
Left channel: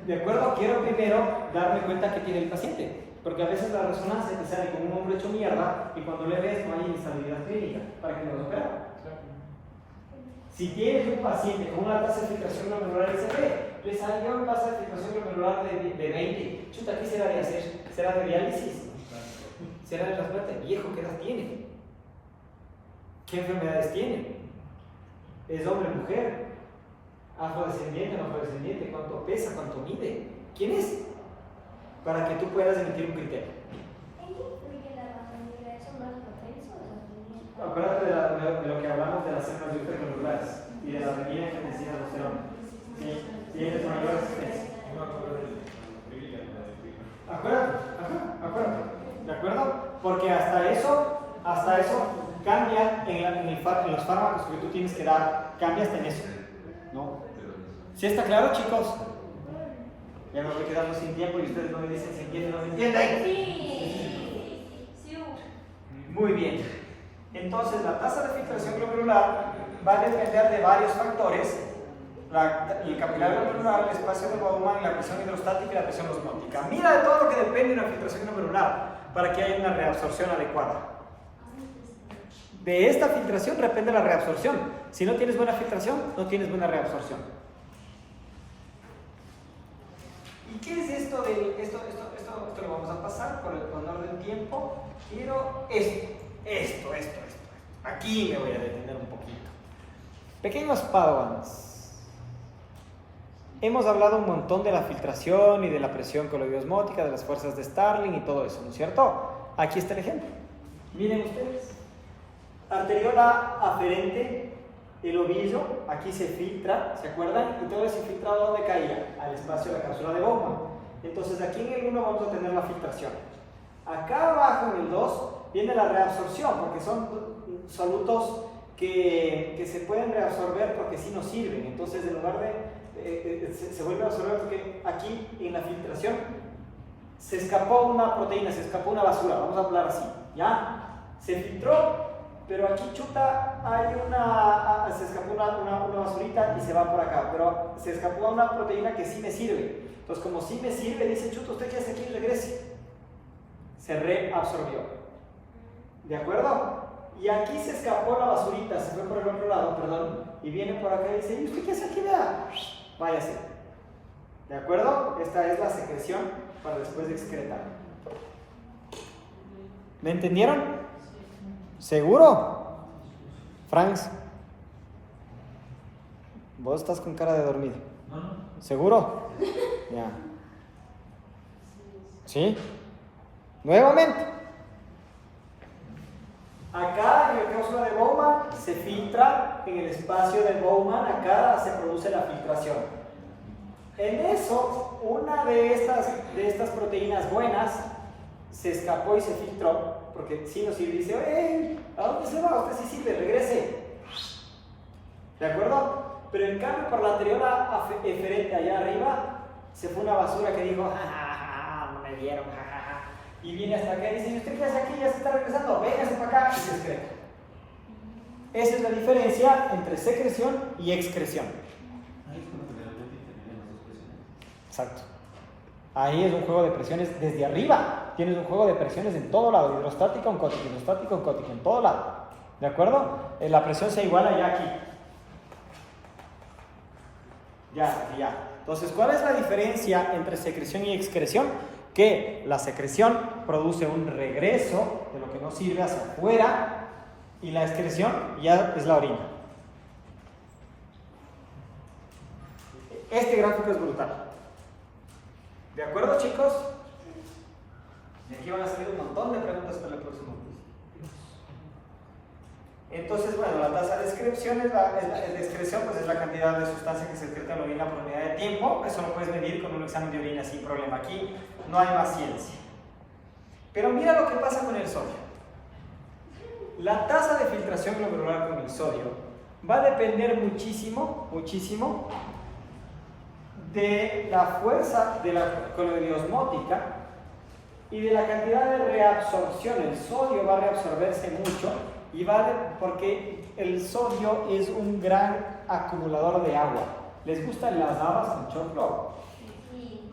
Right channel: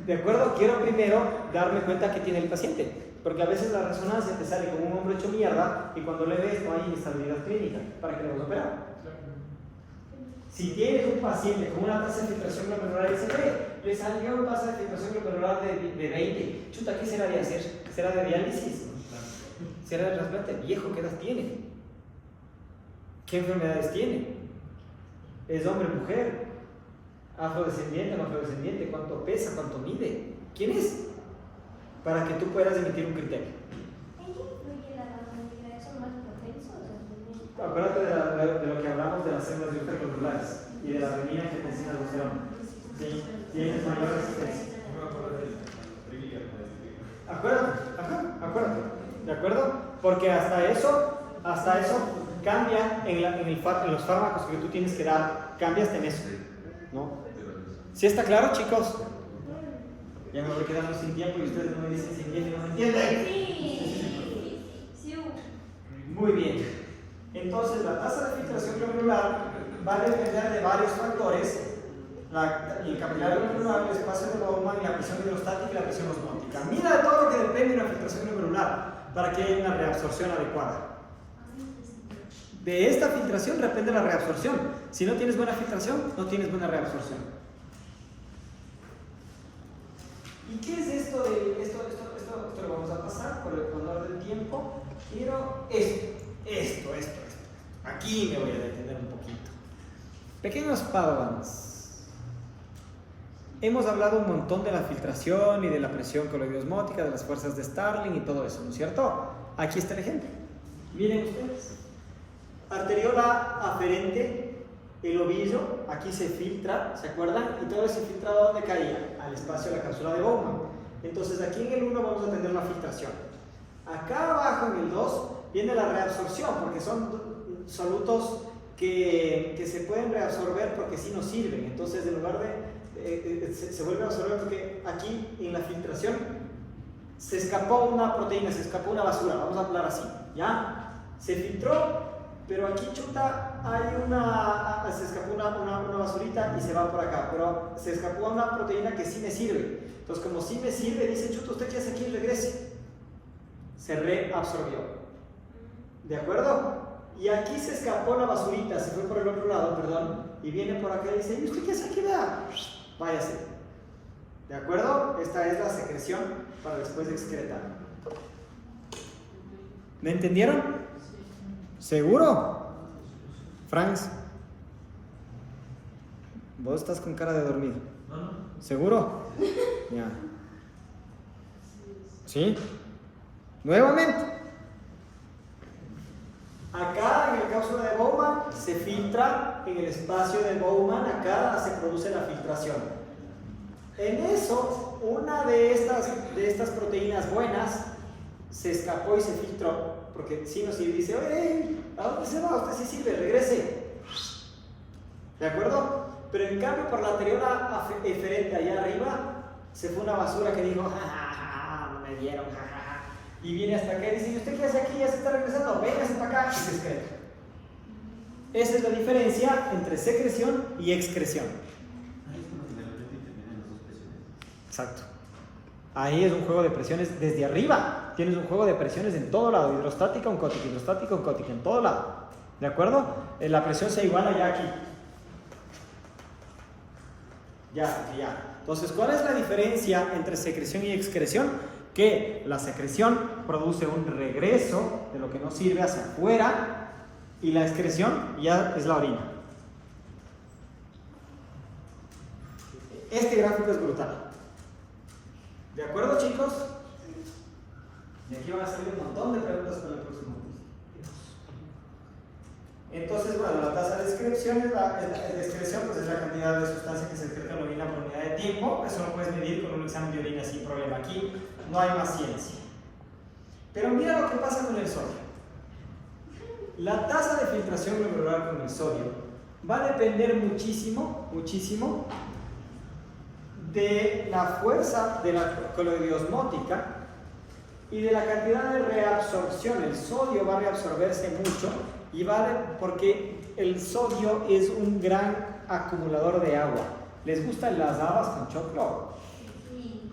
¿De acuerdo? Quiero primero darme cuenta que tiene el paciente. Porque a veces la resonancia te sale como un hombro hecho mierda y cuando le ves no hay inestabilidad clínica para que lo opera. Si tienes un paciente con una tasa de filtración glomerular y se ve, le salió una tasa de filtración glomerular de 20. Chuta, ¿qué será de hacer? ¿Será de diálisis? ¿Será de trasplante? ¿Viejo qué edad tiene? ¿Qué enfermedades tiene? ¿Es hombre o mujer? ¿Afrodescendiente o no afrodescendiente? ¿Cuánto pesa? ¿Cuánto mide? ¿Quién es? Para que tú puedas emitir un criterio. Acuérdate de lo que hablamos de las células de ultracelulares y de la adenina que te enseña los serones. Sí, tienes mayor resistencia. No me acuerdo de la trivia. Acuérdate. ¿De acuerdo? Porque hasta eso cambia en los fármacos que tú tienes que dar, cambia hasta en eso. ¿No? ¿Sí está claro, chicos? Ya me voy quedando sin tiempo y ustedes no me dicen si entienden o no entienden. Sí. Muy bien. Entonces, la tasa de filtración glomerular va a depender de varios factores: el capilar glomerular, el espacio de Bowman, la presión hidrostática y la presión osmótica. Mira de todo lo que depende de la filtración glomerular para que haya una reabsorción adecuada. De esta filtración depende la reabsorción. Si no tienes buena filtración, no tienes buena reabsorción. ¿Y qué es esto de esto lo vamos a pasar por el honor del tiempo? Quiero esto. Aquí me voy a detener un poquito. Pequeños padawans. Hemos hablado un montón de la filtración y de la presión coloidosmótica, de las fuerzas de Starling y todo eso, ¿no es cierto? Aquí está el ejemplo. Miren ustedes. Arteriola aferente, el ovillo, aquí se filtra, ¿se acuerdan? Y todo ese filtrado, ¿dónde caía? Al espacio de la cápsula de Bowman. Entonces aquí en el 1 vamos a tener la filtración. Acá abajo en el 2 viene la reabsorción, porque son solutos que se pueden reabsorber porque sí nos sirven. Entonces en lugar de se vuelve a absorber porque aquí en la filtración se escapó una proteína, se escapó una basura, vamos a hablar así, ¿ya? Se filtró, pero aquí chuta hay se escapó una basurita y se va por acá, pero se escapó una proteína que sí me sirve. Entonces como sí me sirve, dice chuta, usted ya hace aquí y regrese. Se reabsorbió. ¿De acuerdo? Y aquí se escapó la basurita, se fue por el otro lado, perdón, y viene por acá y dice, ¿y usted qué hace aquí? Vea, váyase. ¿De acuerdo? Esta es la secreción para después de excretar. ¿Me entendieron? ¿Seguro? Franz, vos estás con cara de dormido. ¿Seguro? Ya. ¿Sí? Nuevamente. Acá en la cápsula de Bowman se filtra, en el espacio de Bowman, acá se produce la filtración. En eso, una de estas proteínas buenas se escapó y se filtró, porque si no sirve, dice, oye, ¿a dónde se va? Usted sí sirve, regrese. ¿De acuerdo? Pero en cambio, por la arteriola eferente allá arriba, se fue una basura que dijo, jajaja, no me vieron, jajaja. Y viene hasta acá y dice, ¿y usted qué hace aquí? Ya se está regresando, véngase para acá y se excreta. Esa es la diferencia entre secreción y excreción. Exacto. Ahí es un juego de presiones desde arriba. Tienes un juego de presiones en todo lado, hidrostática, oncótica, hidrostática, oncótica, en todo lado. ¿De acuerdo? La presión se iguala ya aquí. Ya. Entonces, ¿cuál es la diferencia entre secreción y excreción? Que la secreción produce un regreso de lo que no sirve hacia afuera y la excreción ya es la orina. Este gráfico es brutal. ¿De acuerdo, chicos? Y aquí van a salir un montón de preguntas para el próximo curso. Entonces, bueno, la tasa de excreción es la cantidad de sustancia que se excreta en la orina por unidad de tiempo. Eso lo puedes medir con un examen de orina sin problema. Aquí no hay más ciencia. Pero mira lo que pasa con el sodio. La tasa de filtración glomerular con el sodio va a depender muchísimo de la fuerza de la coloidiosmótica y de la cantidad de reabsorción. El sodio va a reabsorberse mucho porque el sodio es un gran acumulador de agua. ¿Les gustan las habas con choclo? Sí.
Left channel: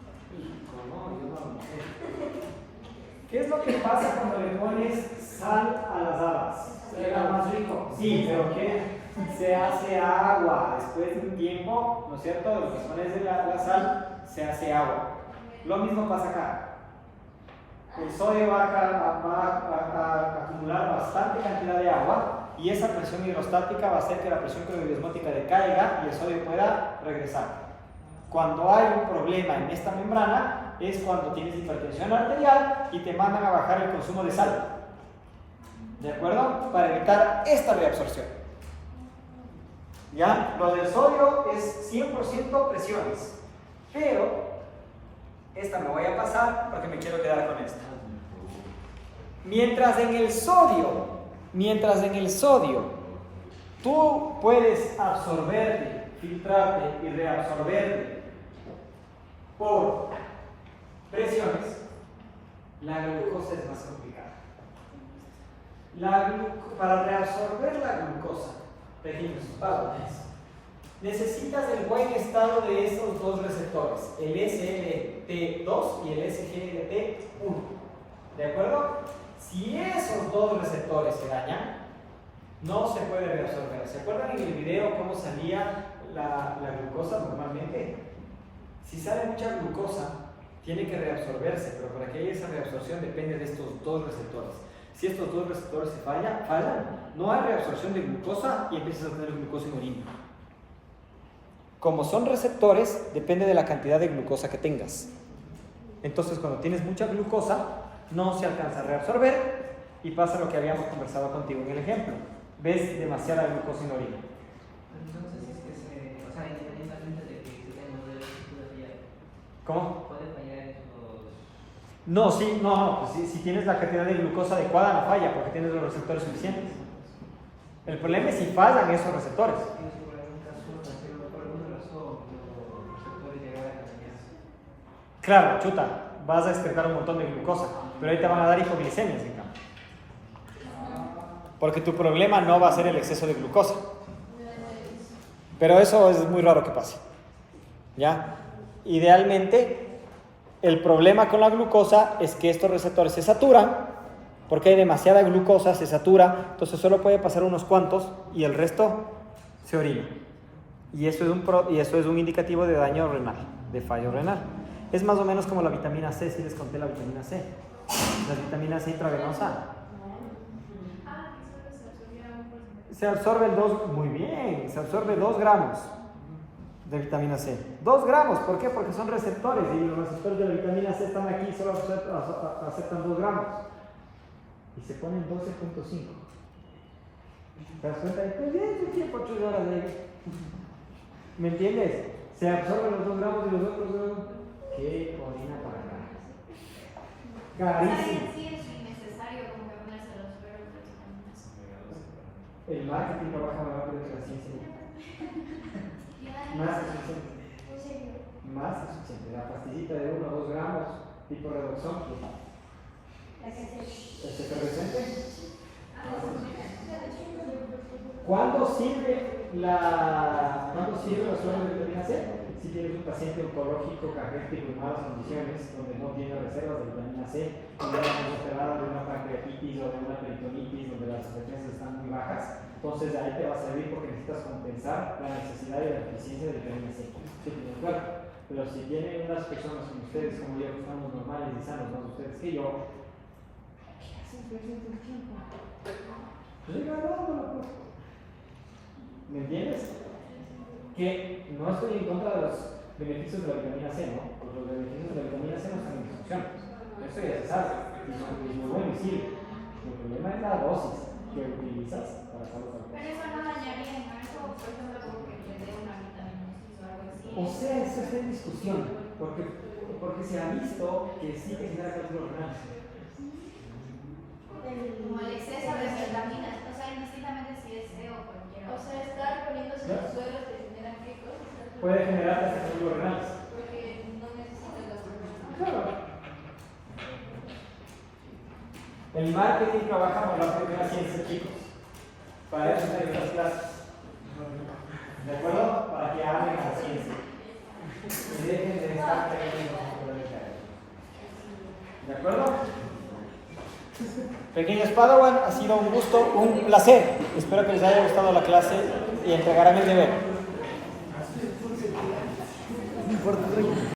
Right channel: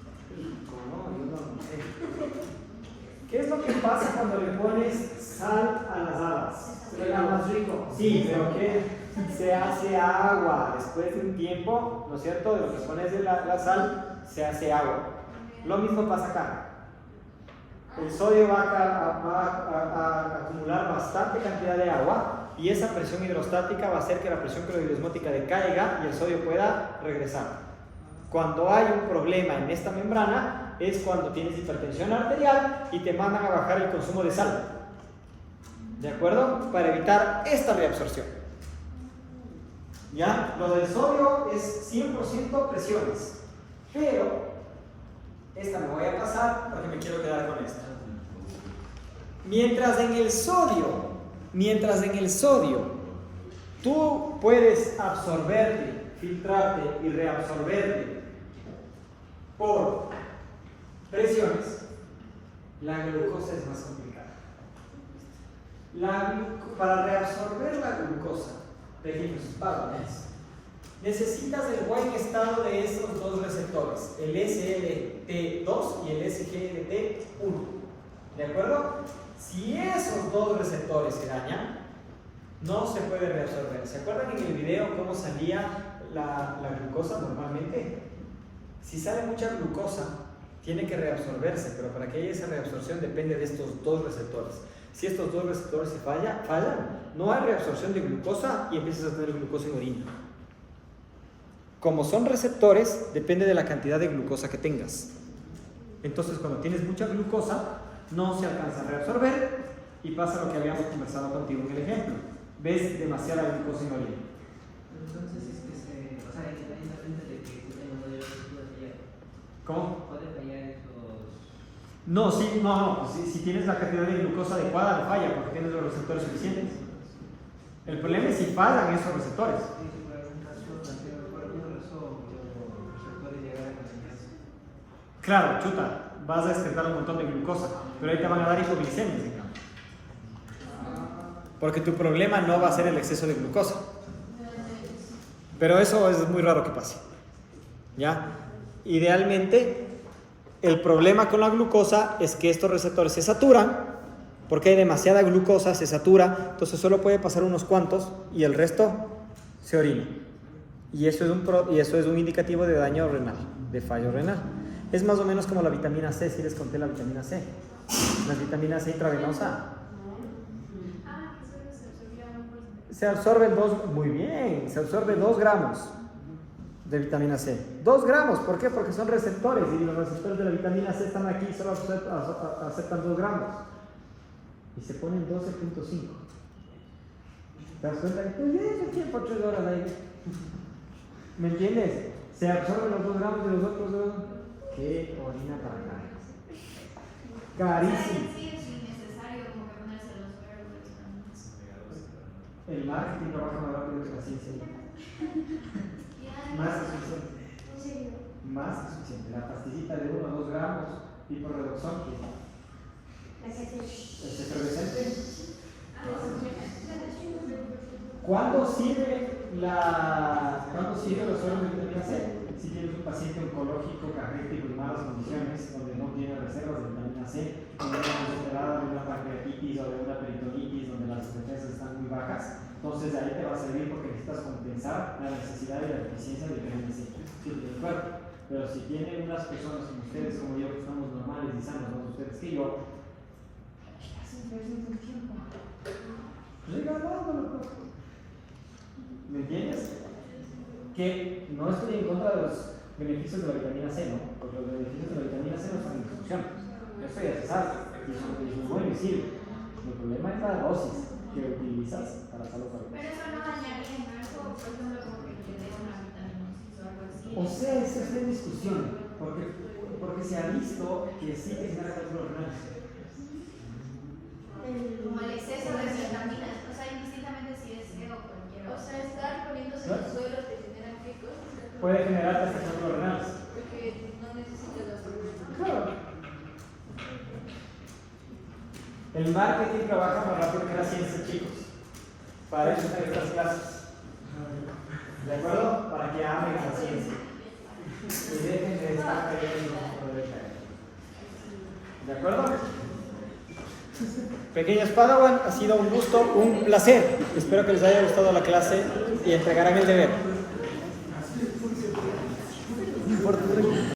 ¿Qué es lo que pasa cuando le pones sal a las habas? Era más rico. Sí, pero que se hace agua después de un tiempo, ¿no es cierto? De lo que pones la sal, se hace agua. Lo mismo pasa acá. El sodio va a acumular bastante cantidad de agua y esa presión hidrostática va a hacer que la presión coloidiosmótica decaiga y el sodio pueda regresar. Cuando hay un problema en esta membrana es cuando tienes hipertensión arterial y te mandan a bajar el consumo de sal. ¿De acuerdo? Para evitar esta reabsorción. ¿Ya? Lo del sodio es 100% presiones. Pero esta me voy a pasar porque me quiero quedar con esta. Mientras en el sodio tú puedes absorberte, filtrarte y reabsorberte por presiones, la glucosa es más complicada. Para reabsorber la glucosa, tejidos, necesitas el buen estado de estos dos receptores, el SGLT2 y el SGLT1. ¿De acuerdo? Si esos dos receptores se dañan, no se puede reabsorber. ¿Se acuerdan en el video cómo salía la glucosa normalmente? Si sale mucha glucosa, tiene que reabsorberse, pero para que haya esa reabsorción depende de estos dos receptores. Si estos dos receptores se fallan, no hay reabsorción de glucosa y empiezas a tener glucosa en orina. Como son receptores, depende de la cantidad de glucosa que tengas. Entonces, cuando tienes mucha glucosa, no se alcanza a reabsorber y pasa lo que habíamos conversado contigo en el ejemplo. Ves demasiada glucosa en orina. Entonces es que independientemente de que tenemos dos estructuras ya, ¿Cómo? ¿puede fallar esos? No, pues si tienes la cantidad de glucosa adecuada no falla porque tienes los receptores suficientes. El problema es si fallan esos receptores. Por algún caso, por alguna razón, los receptores llegaran a dañarse. Claro, chuta, vas a excretar un montón de glucosa, pero ahí te van a dar hipoglicemias en cambio. Porque tu problema no va a ser el exceso de glucosa. Pero eso es muy raro que pase. ¿Ya? Idealmente, el problema con la glucosa es que estos receptores se saturan, porque hay demasiada glucosa, se satura, entonces solo puede pasar unos cuantos y el resto se orina. Y eso es un indicativo de daño renal, de fallo renal. Es más o menos como la vitamina C, si les conté la vitamina C. La vitamina C intravenosa. Se absorbe se absorbe 2 gramos de vitamina C. 2 gramos, ¿por qué? Porque son receptores y los receptores de la vitamina C están aquí y solo aceptan 2 gramos. Y se ponen 12.5. ¿Te das cuenta? Pues bien, ¿qué tiempo 8 horas ahí? ¿Me entiendes? Se absorben los 2 gramos de los otros 2. ¿Qué orina para acá? Carísimo. Sí, es innecesario como que ponerse los verbos también. El marketing trabaja más rápido que la ciencia. Más que suficiente. ¿En serio? Más que suficiente. La pastillita de 1 o 2 gramos, tipo redoxón, ¿es efervescente? ¿Cuándo sirve sirve los sueros de vitamina C. Si tienes un paciente oncológico, caquético y malas condiciones, donde no tiene reservas de vitamina C, donde es desesperada de una pancreatitis o de una peritonitis, donde las defensas están muy bajas, entonces ahí te va a servir porque necesitas compensar la necesidad y la deficiencia de vitamina C. Sí, claro. Pero si tienen unas personas como ustedes, como yo, que estamos normales y sanos, más ustedes que yo, ¿qué hacen perdiendo el tiempo? Pues regalándolo. ¿Me entiendes? Que no estoy en contra de los beneficios de la vitamina C, ¿no? Porque los beneficios de la vitamina C no están en discusión. Esto ya se sabe, y es muy visible. El problema es la dosis que utilizas para salud. Pero eso no dañaría, ¿no? Eso, por ejemplo, como que te dé una vitamina C o algo así. O sea, esto está en discusión, porque se ha visto que sí que genera cálculo renal. Como el exceso de vitaminas, o sea, indistintamente si es C o cualquier O otra. sea, estar poniéndose ¿No? los suelos que generan ricos. Puede generar hasta cálculos renales. Porque no necesitas la proteína. Claro. El marketing trabaja más rápido que la ciencia, chicos. Para eso están estas clases. ¿De acuerdo? Para que amen la ciencia. Y dejen de estar creyendo por el caer. ¿De acuerdo? Pequeños Padawan, ha sido un gusto, un placer. Espero que les haya gustado la clase y entregarán el deber.